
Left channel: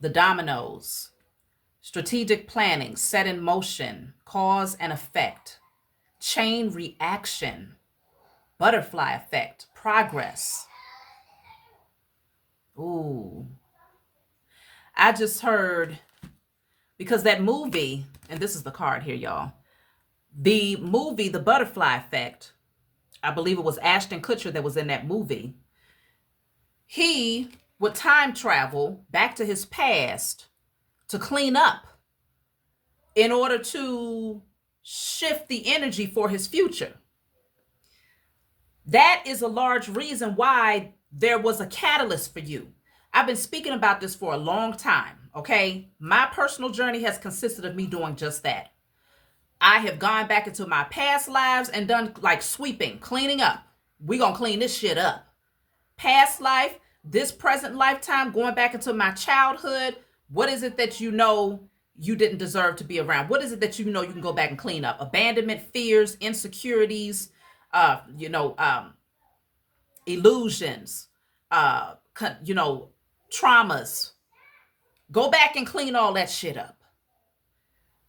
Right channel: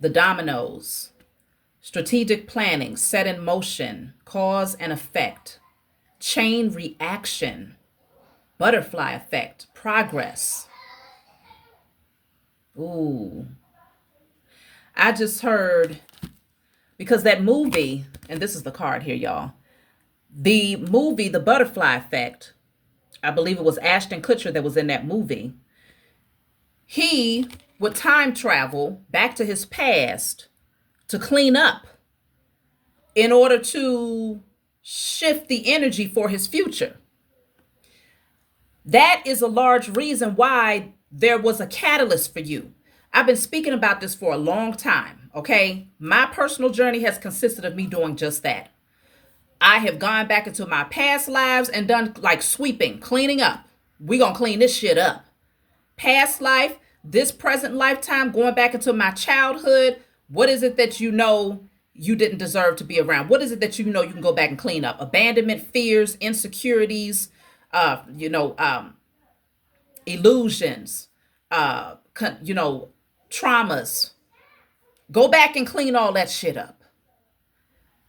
The dominoes. Strategic planning, set in motion, cause and effect, chain reaction, butterfly effect, progress. Ooh. I just heard, because that movie, and this is the card here, y'all. The movie, The Butterfly Effect, I believe it was Ashton Kutcher that was in that movie. He would time travel back to his past to clean up in order to shift the energy for his future. That is a large reason why there was a catalyst for you. I've been speaking about this for a long time, okay? My personal journey has consisted of me doing just that. I have gone back into my past lives and done like sweeping, cleaning up. We're going to clean this shit up. Past life, this present lifetime, going back into my childhood. What is it that you know you didn't deserve to be around? What is it that you know you can go back and clean up? Abandonment, fears, insecurities, illusions, traumas. Go back and clean all that shit up.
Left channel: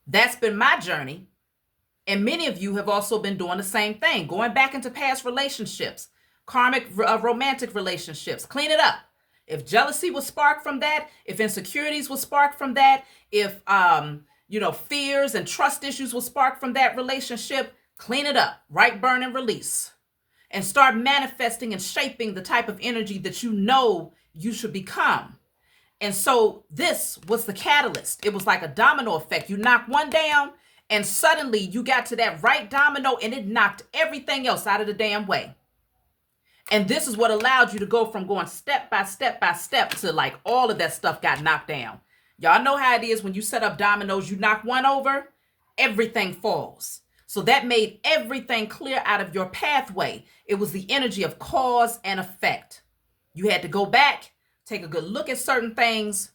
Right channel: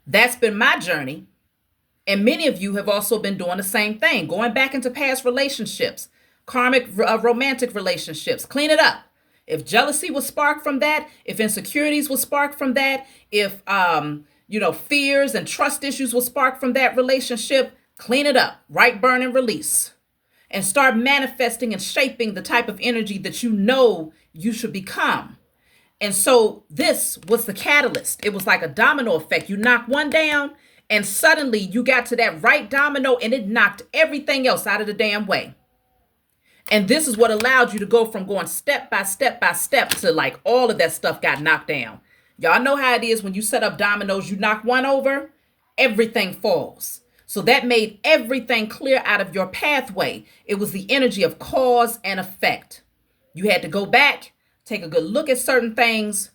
That's been my journey. And many of you have also been doing the same thing, going back into past relationships, karmic romantic relationships. Clean it up. If jealousy was sparked from that, if insecurities was sparked from that, if fears and trust issues were sparked from that relationship, clean it up. Right, burn, and release. And start manifesting and shaping the type of energy that you know you should become. And so this was the catalyst. It was like a domino effect. You knock one down and suddenly you got to that right domino and it knocked everything else out of the damn way. And this is what allowed you to go from going step by step by step to like all of that stuff got knocked down. Y'all know how it is when you set up dominoes, you knock one over, everything falls. So that made everything clear out of your pathway. It was the energy of cause and effect. You had to go back, take a good look at certain things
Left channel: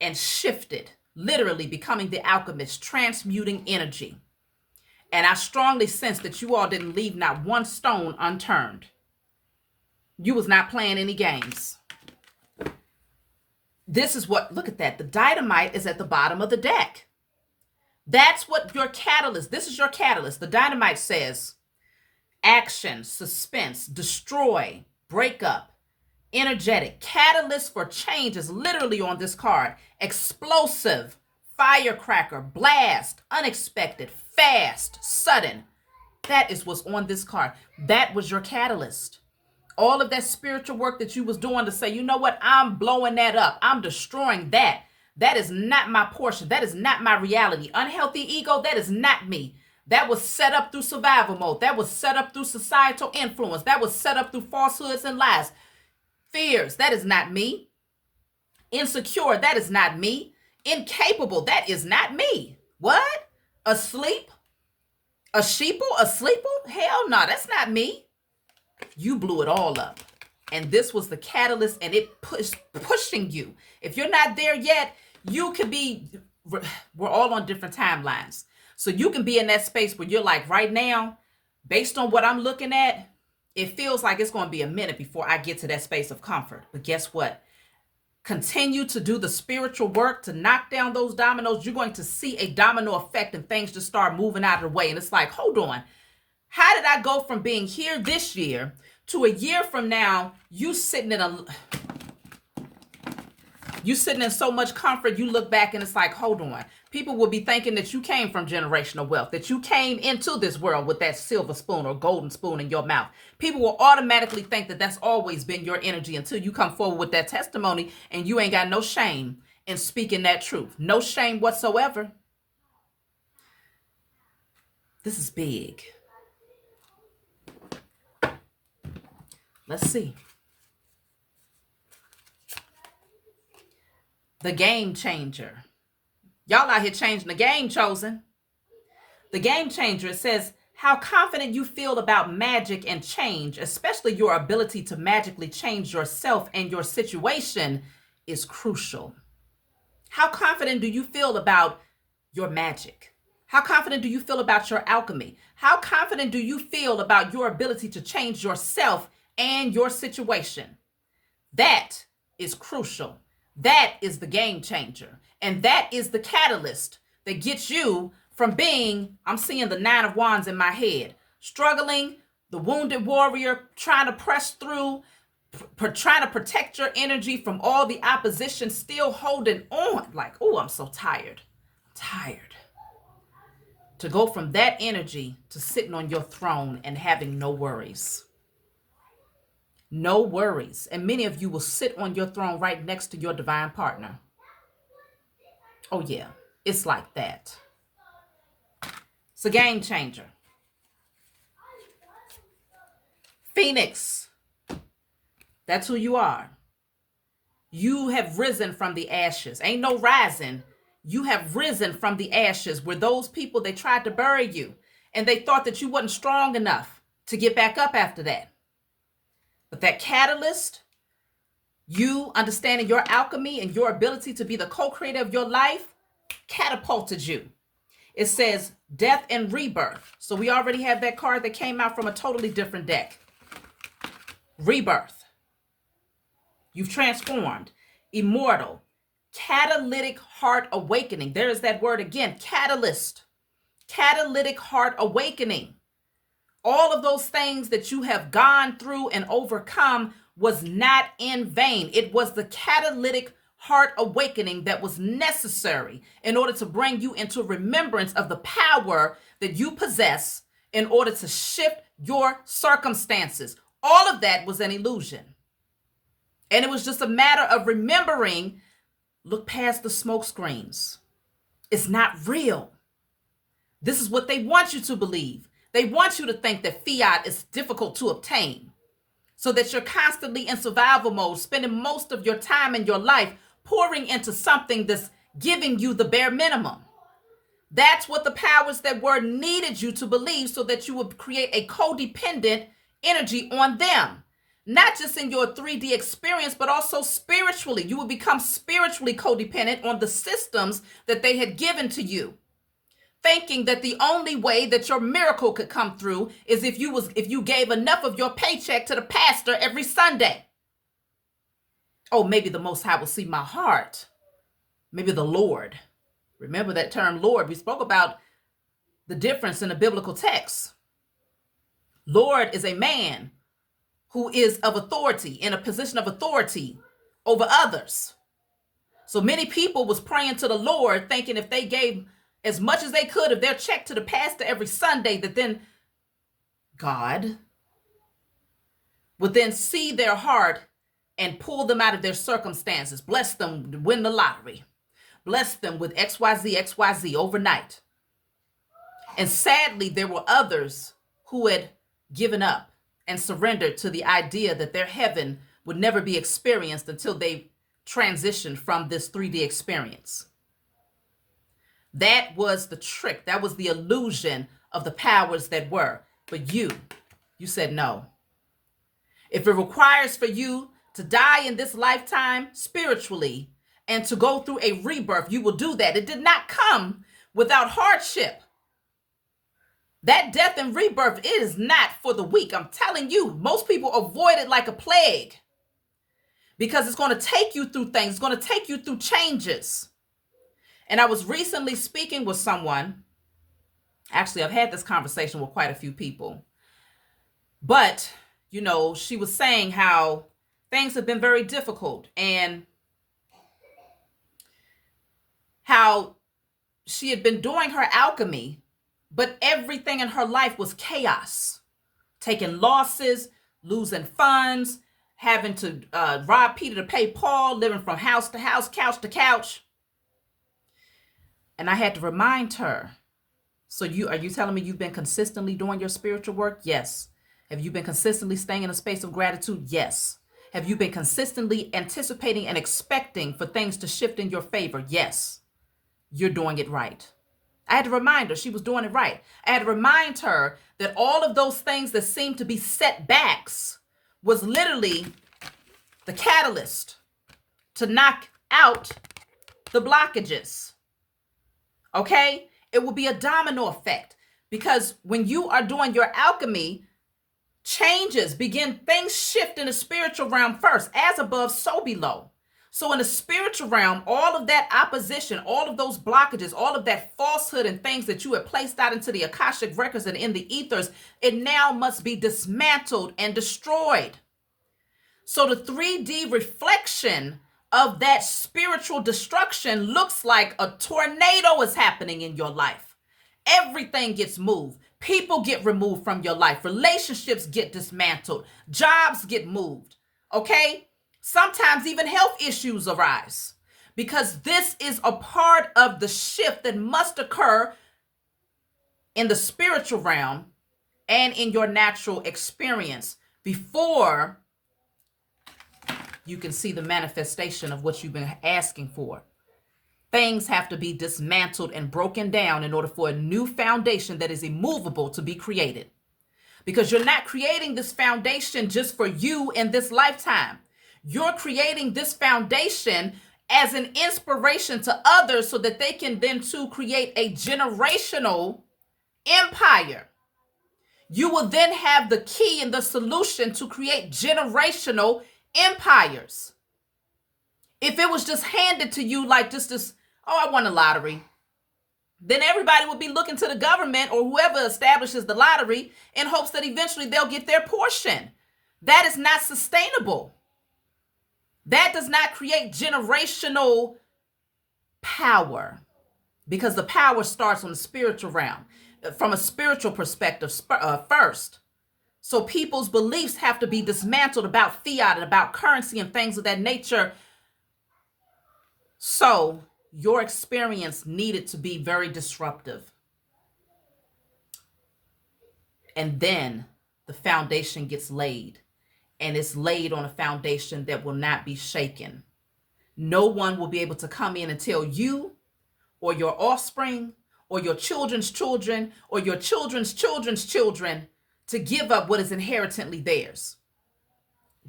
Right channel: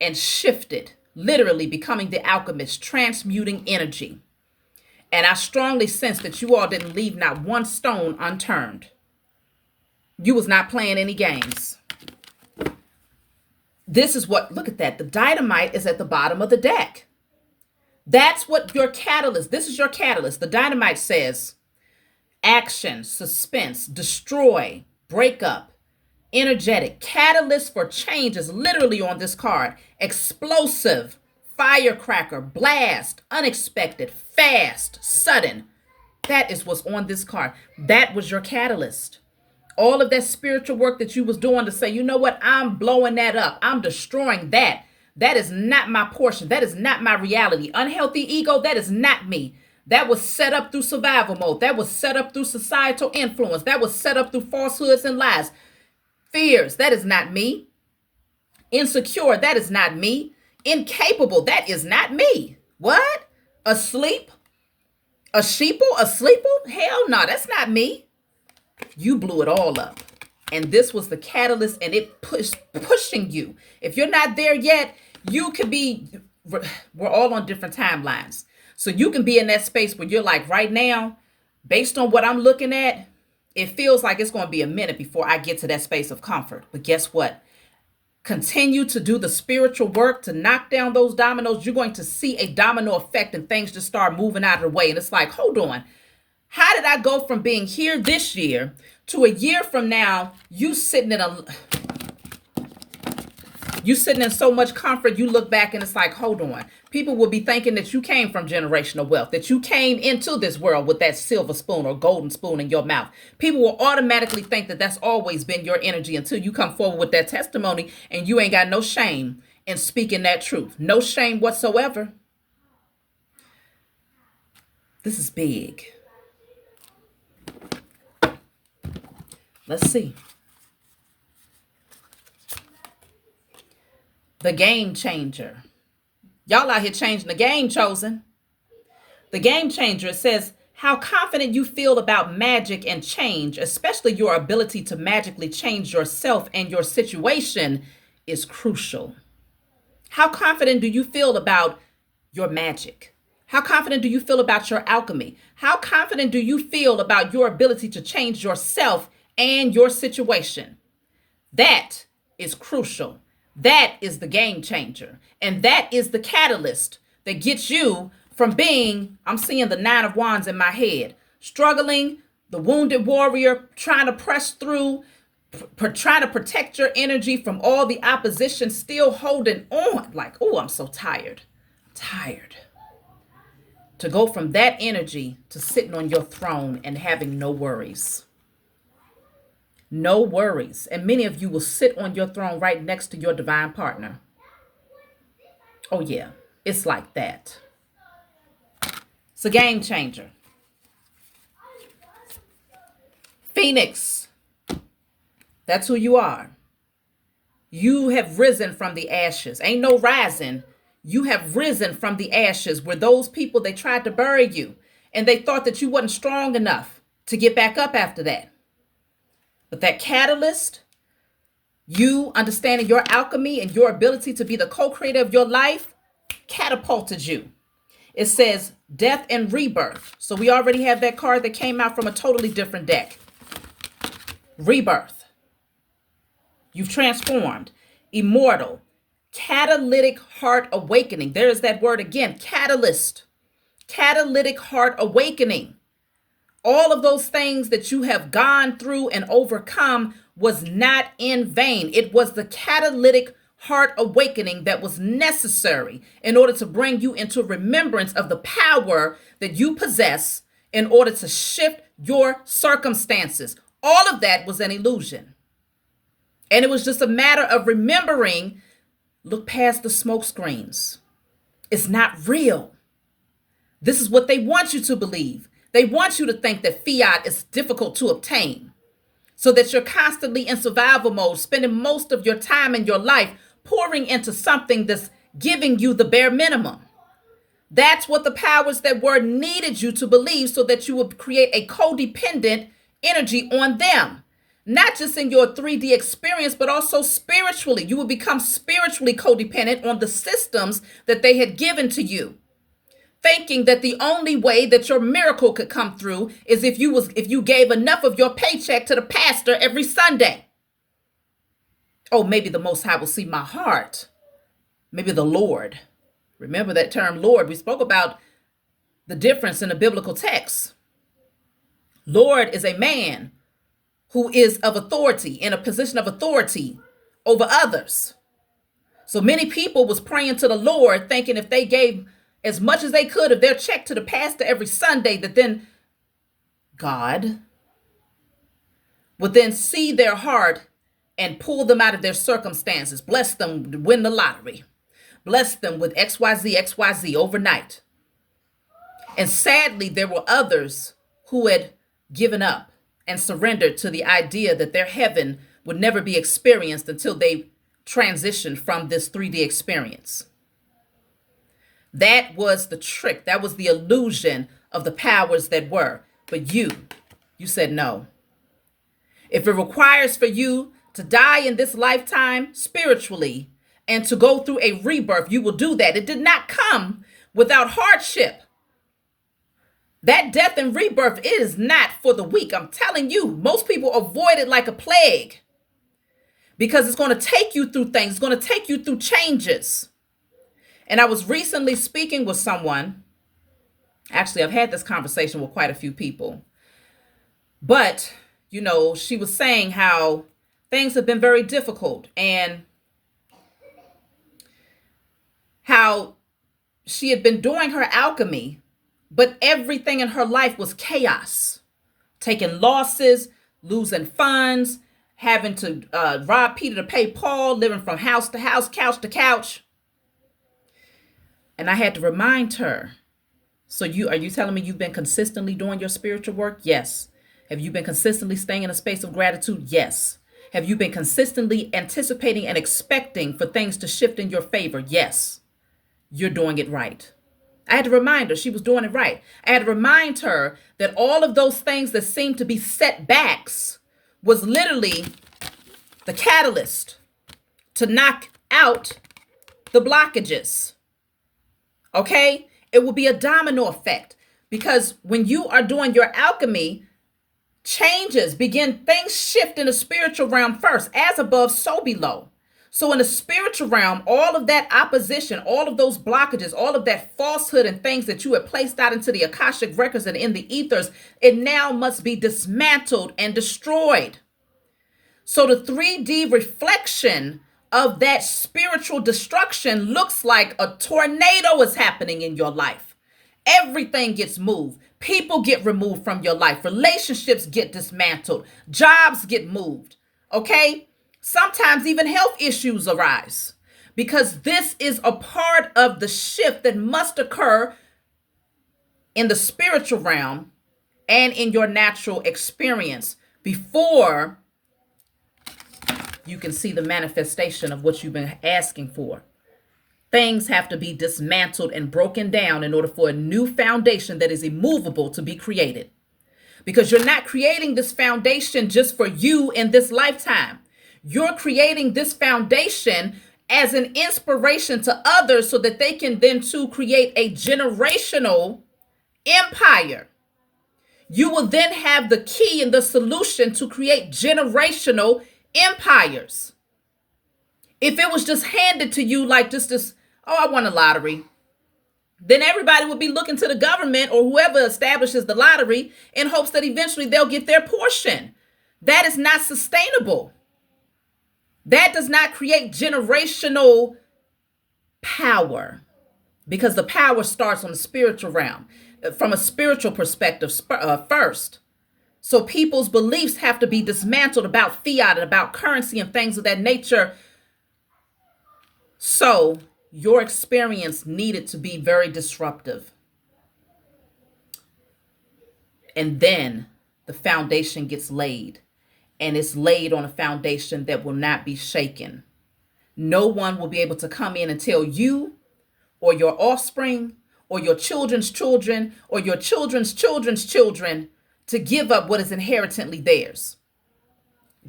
and shift it, literally becoming the alchemist, transmuting energy. And I strongly sense that you all didn't leave not one stone unturned. You was not playing any games. This is what, look at that. The dynamite is at the bottom of the deck. That's what your catalyst, this is your catalyst. The dynamite says action, suspense, destroy, breakup, energetic. Catalyst for change is literally on this card. Explosive, firecracker, blast, unexpected, fast, sudden. That is what's on this card. That was your catalyst. All of that spiritual work that you was doing to say, you know what, I'm blowing that up. I'm destroying that. That is not my portion. That is not my reality. Unhealthy ego, that is not me. That was set up through survival mode. That was set up through societal influence. That was set up through falsehoods and lies. Fears, that is not me. Insecure, that is not me. Incapable, that is not me. What? Asleep? A sheeple? A sleeple? Hell no, that's not me. You blew it all up. And this was the catalyst, and it pushing you. If you're not there yet, you could be, we're all on different timelines. So you can be in that space where you're like, right now, based on what I'm looking at, it feels like it's going to be a minute before I get to that space of comfort. But guess what? continue to do the spiritual work to knock down those dominoes, you're going to see a domino effect and things just start moving out of the way. And it's like, hold on. How did I go from being here this year to a year from now, you sitting in so much comfort, you look back and it's like, hold on. People will be thinking that you came from generational wealth, that you came into this world with that silver spoon or golden spoon in your mouth. People will automatically think that that's always been your energy until you come forward with that testimony and you ain't got no shame in speaking that truth. No shame whatsoever. This is big. Let's see. The game changer. Y'all out here changing the game, chosen. The game changer, it says, how confident you feel about magic and change, especially your ability to magically change yourself and your situation, is crucial. How confident do you feel about your magic? How confident do you feel about your alchemy? How confident do you feel about your ability to change yourself and your situation? That is crucial. That is the game changer. And that is the catalyst that gets you from being, I'm seeing the 9 of Wands in my head, struggling, the wounded warrior, trying to press through, trying to protect your energy from all the opposition, still holding on. Like, oh, I'm so tired. Tired. To go from that energy to sitting on your throne and having no worries. No worries. And many of you will sit on your throne right next to your divine partner. Oh, yeah. It's like that. It's a game changer. Phoenix. That's who you are. You have risen from the ashes. Ain't no rising. You have risen from the ashes where those people, they tried to bury you and they thought that you wasn't strong enough to get back up after that. But that catalyst, you understanding your alchemy and your ability to be the co-creator of your life, catapulted you. It says death and rebirth. So we already have that card that came out from a totally different deck. Rebirth. You've transformed. Immortal. Catalytic heart awakening. There's that word again. Catalyst. Catalytic heart awakening. All of those things that you have gone through and overcome was not in vain. It was the catalytic heart awakening that was necessary in order to bring you into remembrance of the power that you possess in order to shift your circumstances. All of that was an illusion. And it was just a matter of remembering, look past the smoke screens. It's not real. This is what they want you to believe. They want you to think that fiat is difficult to obtain so that you're constantly in survival mode, spending most of your time in your life pouring into something that's giving you the bare minimum. That's what the powers that were needed you to believe so that you would create a codependent energy on them. Not just in your 3D experience, but also spiritually. You would become spiritually codependent on the systems that they had given to you, thinking that the only way that your miracle could come through is if you gave enough of your paycheck to the pastor every Sunday. Oh, maybe the Most High will see my heart. Maybe the Lord. Remember that term, Lord. We spoke about the difference in the biblical text. Lord is a man who is of authority, in a position of authority over others. So many people was praying to the Lord, thinking if they gave as much as they could of their check to the pastor every Sunday, that then God would then see their heart and pull them out of their circumstances, bless them to win the lottery, bless them with XYZ overnight. And sadly, there were others who had given up and surrendered to the idea that their heaven would never be experienced until they transitioned from this 3D experience. That was the trick. That was the illusion of the powers that were. But you said no. If it requires for you to die in this lifetime spiritually and to go through a rebirth, you will do that. It did not come without hardship. That death and rebirth is not for the weak. I'm telling you, most people avoid it like a plague because it's going to take you through things. It's going to take you through changes. And I was recently speaking with someone. Actually, I've had this conversation with quite a few people. But, she was saying how things have been very difficult and how she had been doing her alchemy, but everything in her life was chaos. Taking losses, losing funds, having to rob Peter to pay Paul, living from house to house, couch to couch. And I had to remind her, so are you telling me you've been consistently doing your spiritual work? Yes. Have you been consistently staying in a space of gratitude? Yes. Have you been consistently anticipating and expecting for things to shift in your favor? Yes. You're doing it right. I had to remind her she was doing it right. I had to remind her that all of those things that seemed to be setbacks was literally the catalyst to knock out the blockages. Okay? It will be a domino effect, because when you are doing your alchemy, changes begin, things shift in the spiritual realm first, as above, so below. So in the spiritual realm, all of that opposition, all of those blockages, all of that falsehood and things that you have placed out into the Akashic records and in the ethers, it now must be dismantled and destroyed. So the 3D reflection of that spiritual destruction looks like a tornado is happening in your life. Everything gets moved. People get removed from your life. Relationships get dismantled. Jobs get moved. Okay? Sometimes even health issues arise, because this is a part of the shift that must occur in the spiritual realm and in your natural experience before you can see the manifestation of what you've been asking for. Things have to be dismantled and broken down in order for a new foundation that is immovable to be created. Because you're not creating this foundation just for you in this lifetime. You're creating this foundation as an inspiration to others so that they can then too create a generational empire. You will then have the key and the solution to create generational empires. If it was just handed to you like just this, oh, I won a lottery, then everybody would be looking to the government or whoever establishes the lottery in hopes that eventually they'll get their portion. That is not sustainable. That does not create generational power, because the power starts on the spiritual realm, from a spiritual perspective first. So people's beliefs have to be dismantled about fiat and about currency and things of that nature. So your experience needed to be very disruptive. And then the foundation gets laid. And it's laid on a foundation that will not be shaken. No one will be able to come in and tell you or your offspring or your children's children or your children's children's children to give up what is inherently theirs.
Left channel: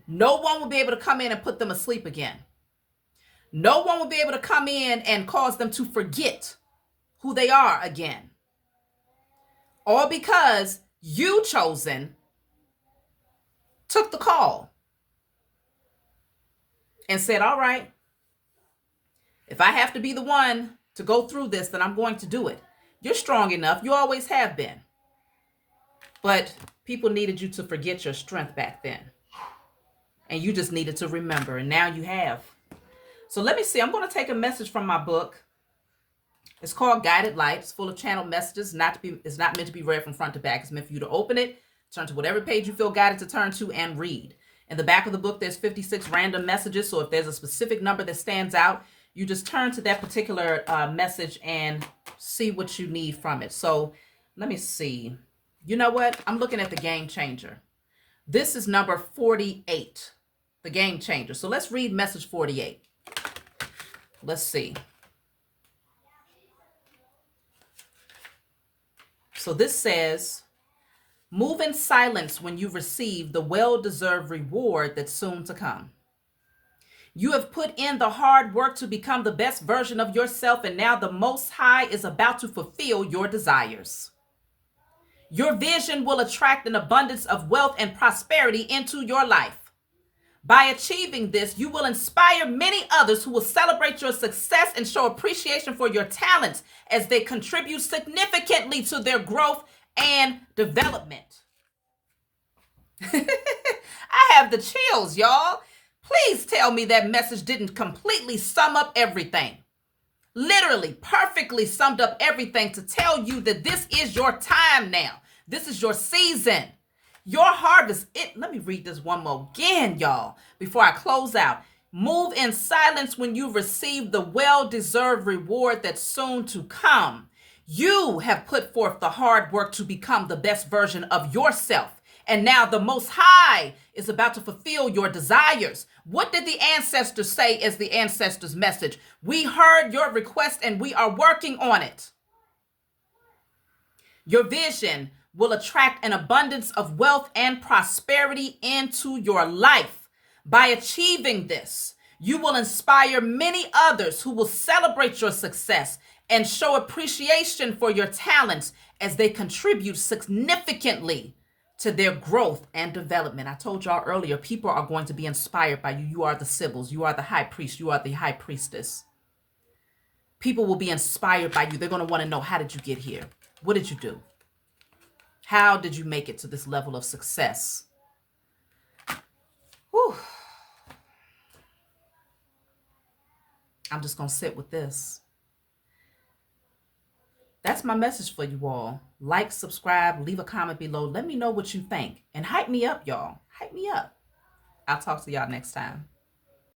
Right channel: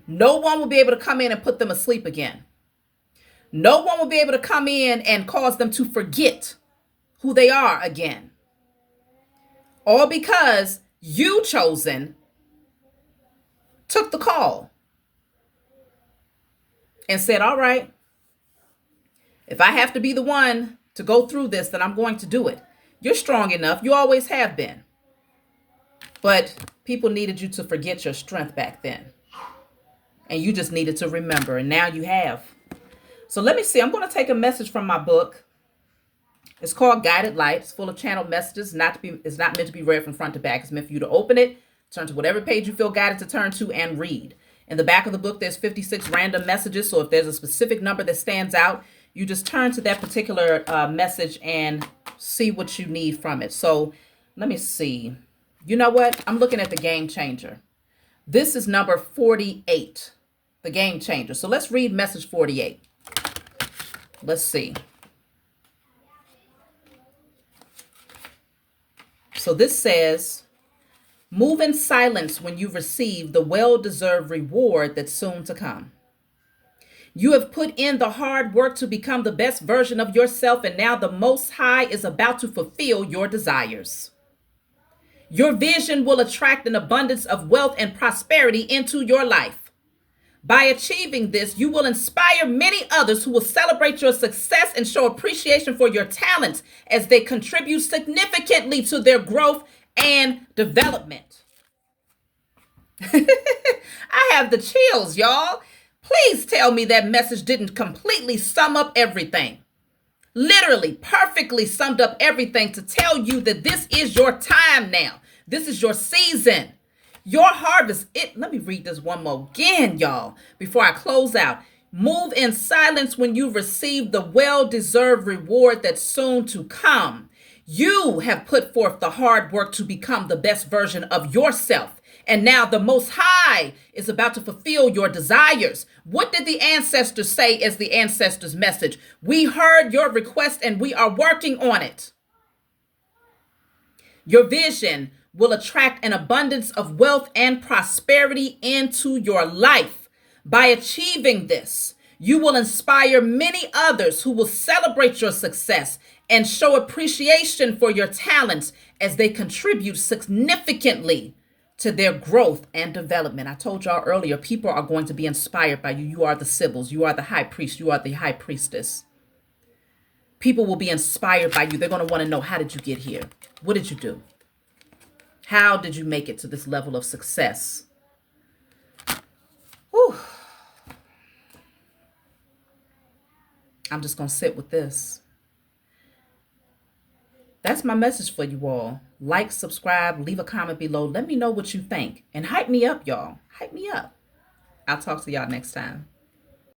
No one will be able to come in and put them asleep again. No one will be able to come in and cause them to forget who they are again. All because you, chosen, took the call and said, all right, if I have to be the one to go through this, then I'm going to do it. You're strong enough. You always have been. But people needed you to forget your strength back then. And you just needed to remember. And now you have. So let me see. I'm going to take a message from my book. It's called Guided Light. It's full of channeled messages. It's not meant to be read from front to back. It's meant for you to open it, turn to whatever page you feel guided to turn to, and read. In the back of the book, there's 56 random messages. So if there's a specific number that stands out, you just turn to that particular message and see what you need from it. So let me see. You know what? I'm looking at the Game Changer. This is number 48, the Game Changer. So let's read message 48. Let's see. So this says, move in silence when you receive the well-deserved reward that's soon to come. You have put in the hard work to become the best version of yourself, and now the Most High is about to fulfill your desires. Your vision will attract an abundance of wealth and prosperity into your life. By achieving this, you will inspire many others who will celebrate your success and show appreciation for your talents as they contribute significantly to their growth and development. I have the chills, y'all. Please tell me that message didn't completely sum up everything. Literally, perfectly summed up everything to tell you that this is your time now. This is your season. Your harvest. Let me read this one more again, y'all, before I close out. Move in silence when you receive the well-deserved reward that's soon to come. You have put forth the hard work to become the best version of yourself. And now the Most High is about to fulfill your desires. What did the ancestors say as the ancestors' message? We heard your request and we are working on it. Your vision will attract an abundance of wealth and prosperity into your life. By achieving this, you will inspire many others who will celebrate your success and show appreciation for your talents as they contribute significantly to their growth and development. I told y'all earlier, people are going to be inspired by you. You are the Sibyls. You are the high priest. You are the high priestess. People will be inspired by you. They're going to want to know, how did you get here? What did you do? How did you make it to this level of success? Whew. I'm just going to sit with this. That's my message for you all. Like, subscribe, leave a comment below. Let me know what you think. And hype me up, y'all. Hype me up. I'll talk to y'all next time.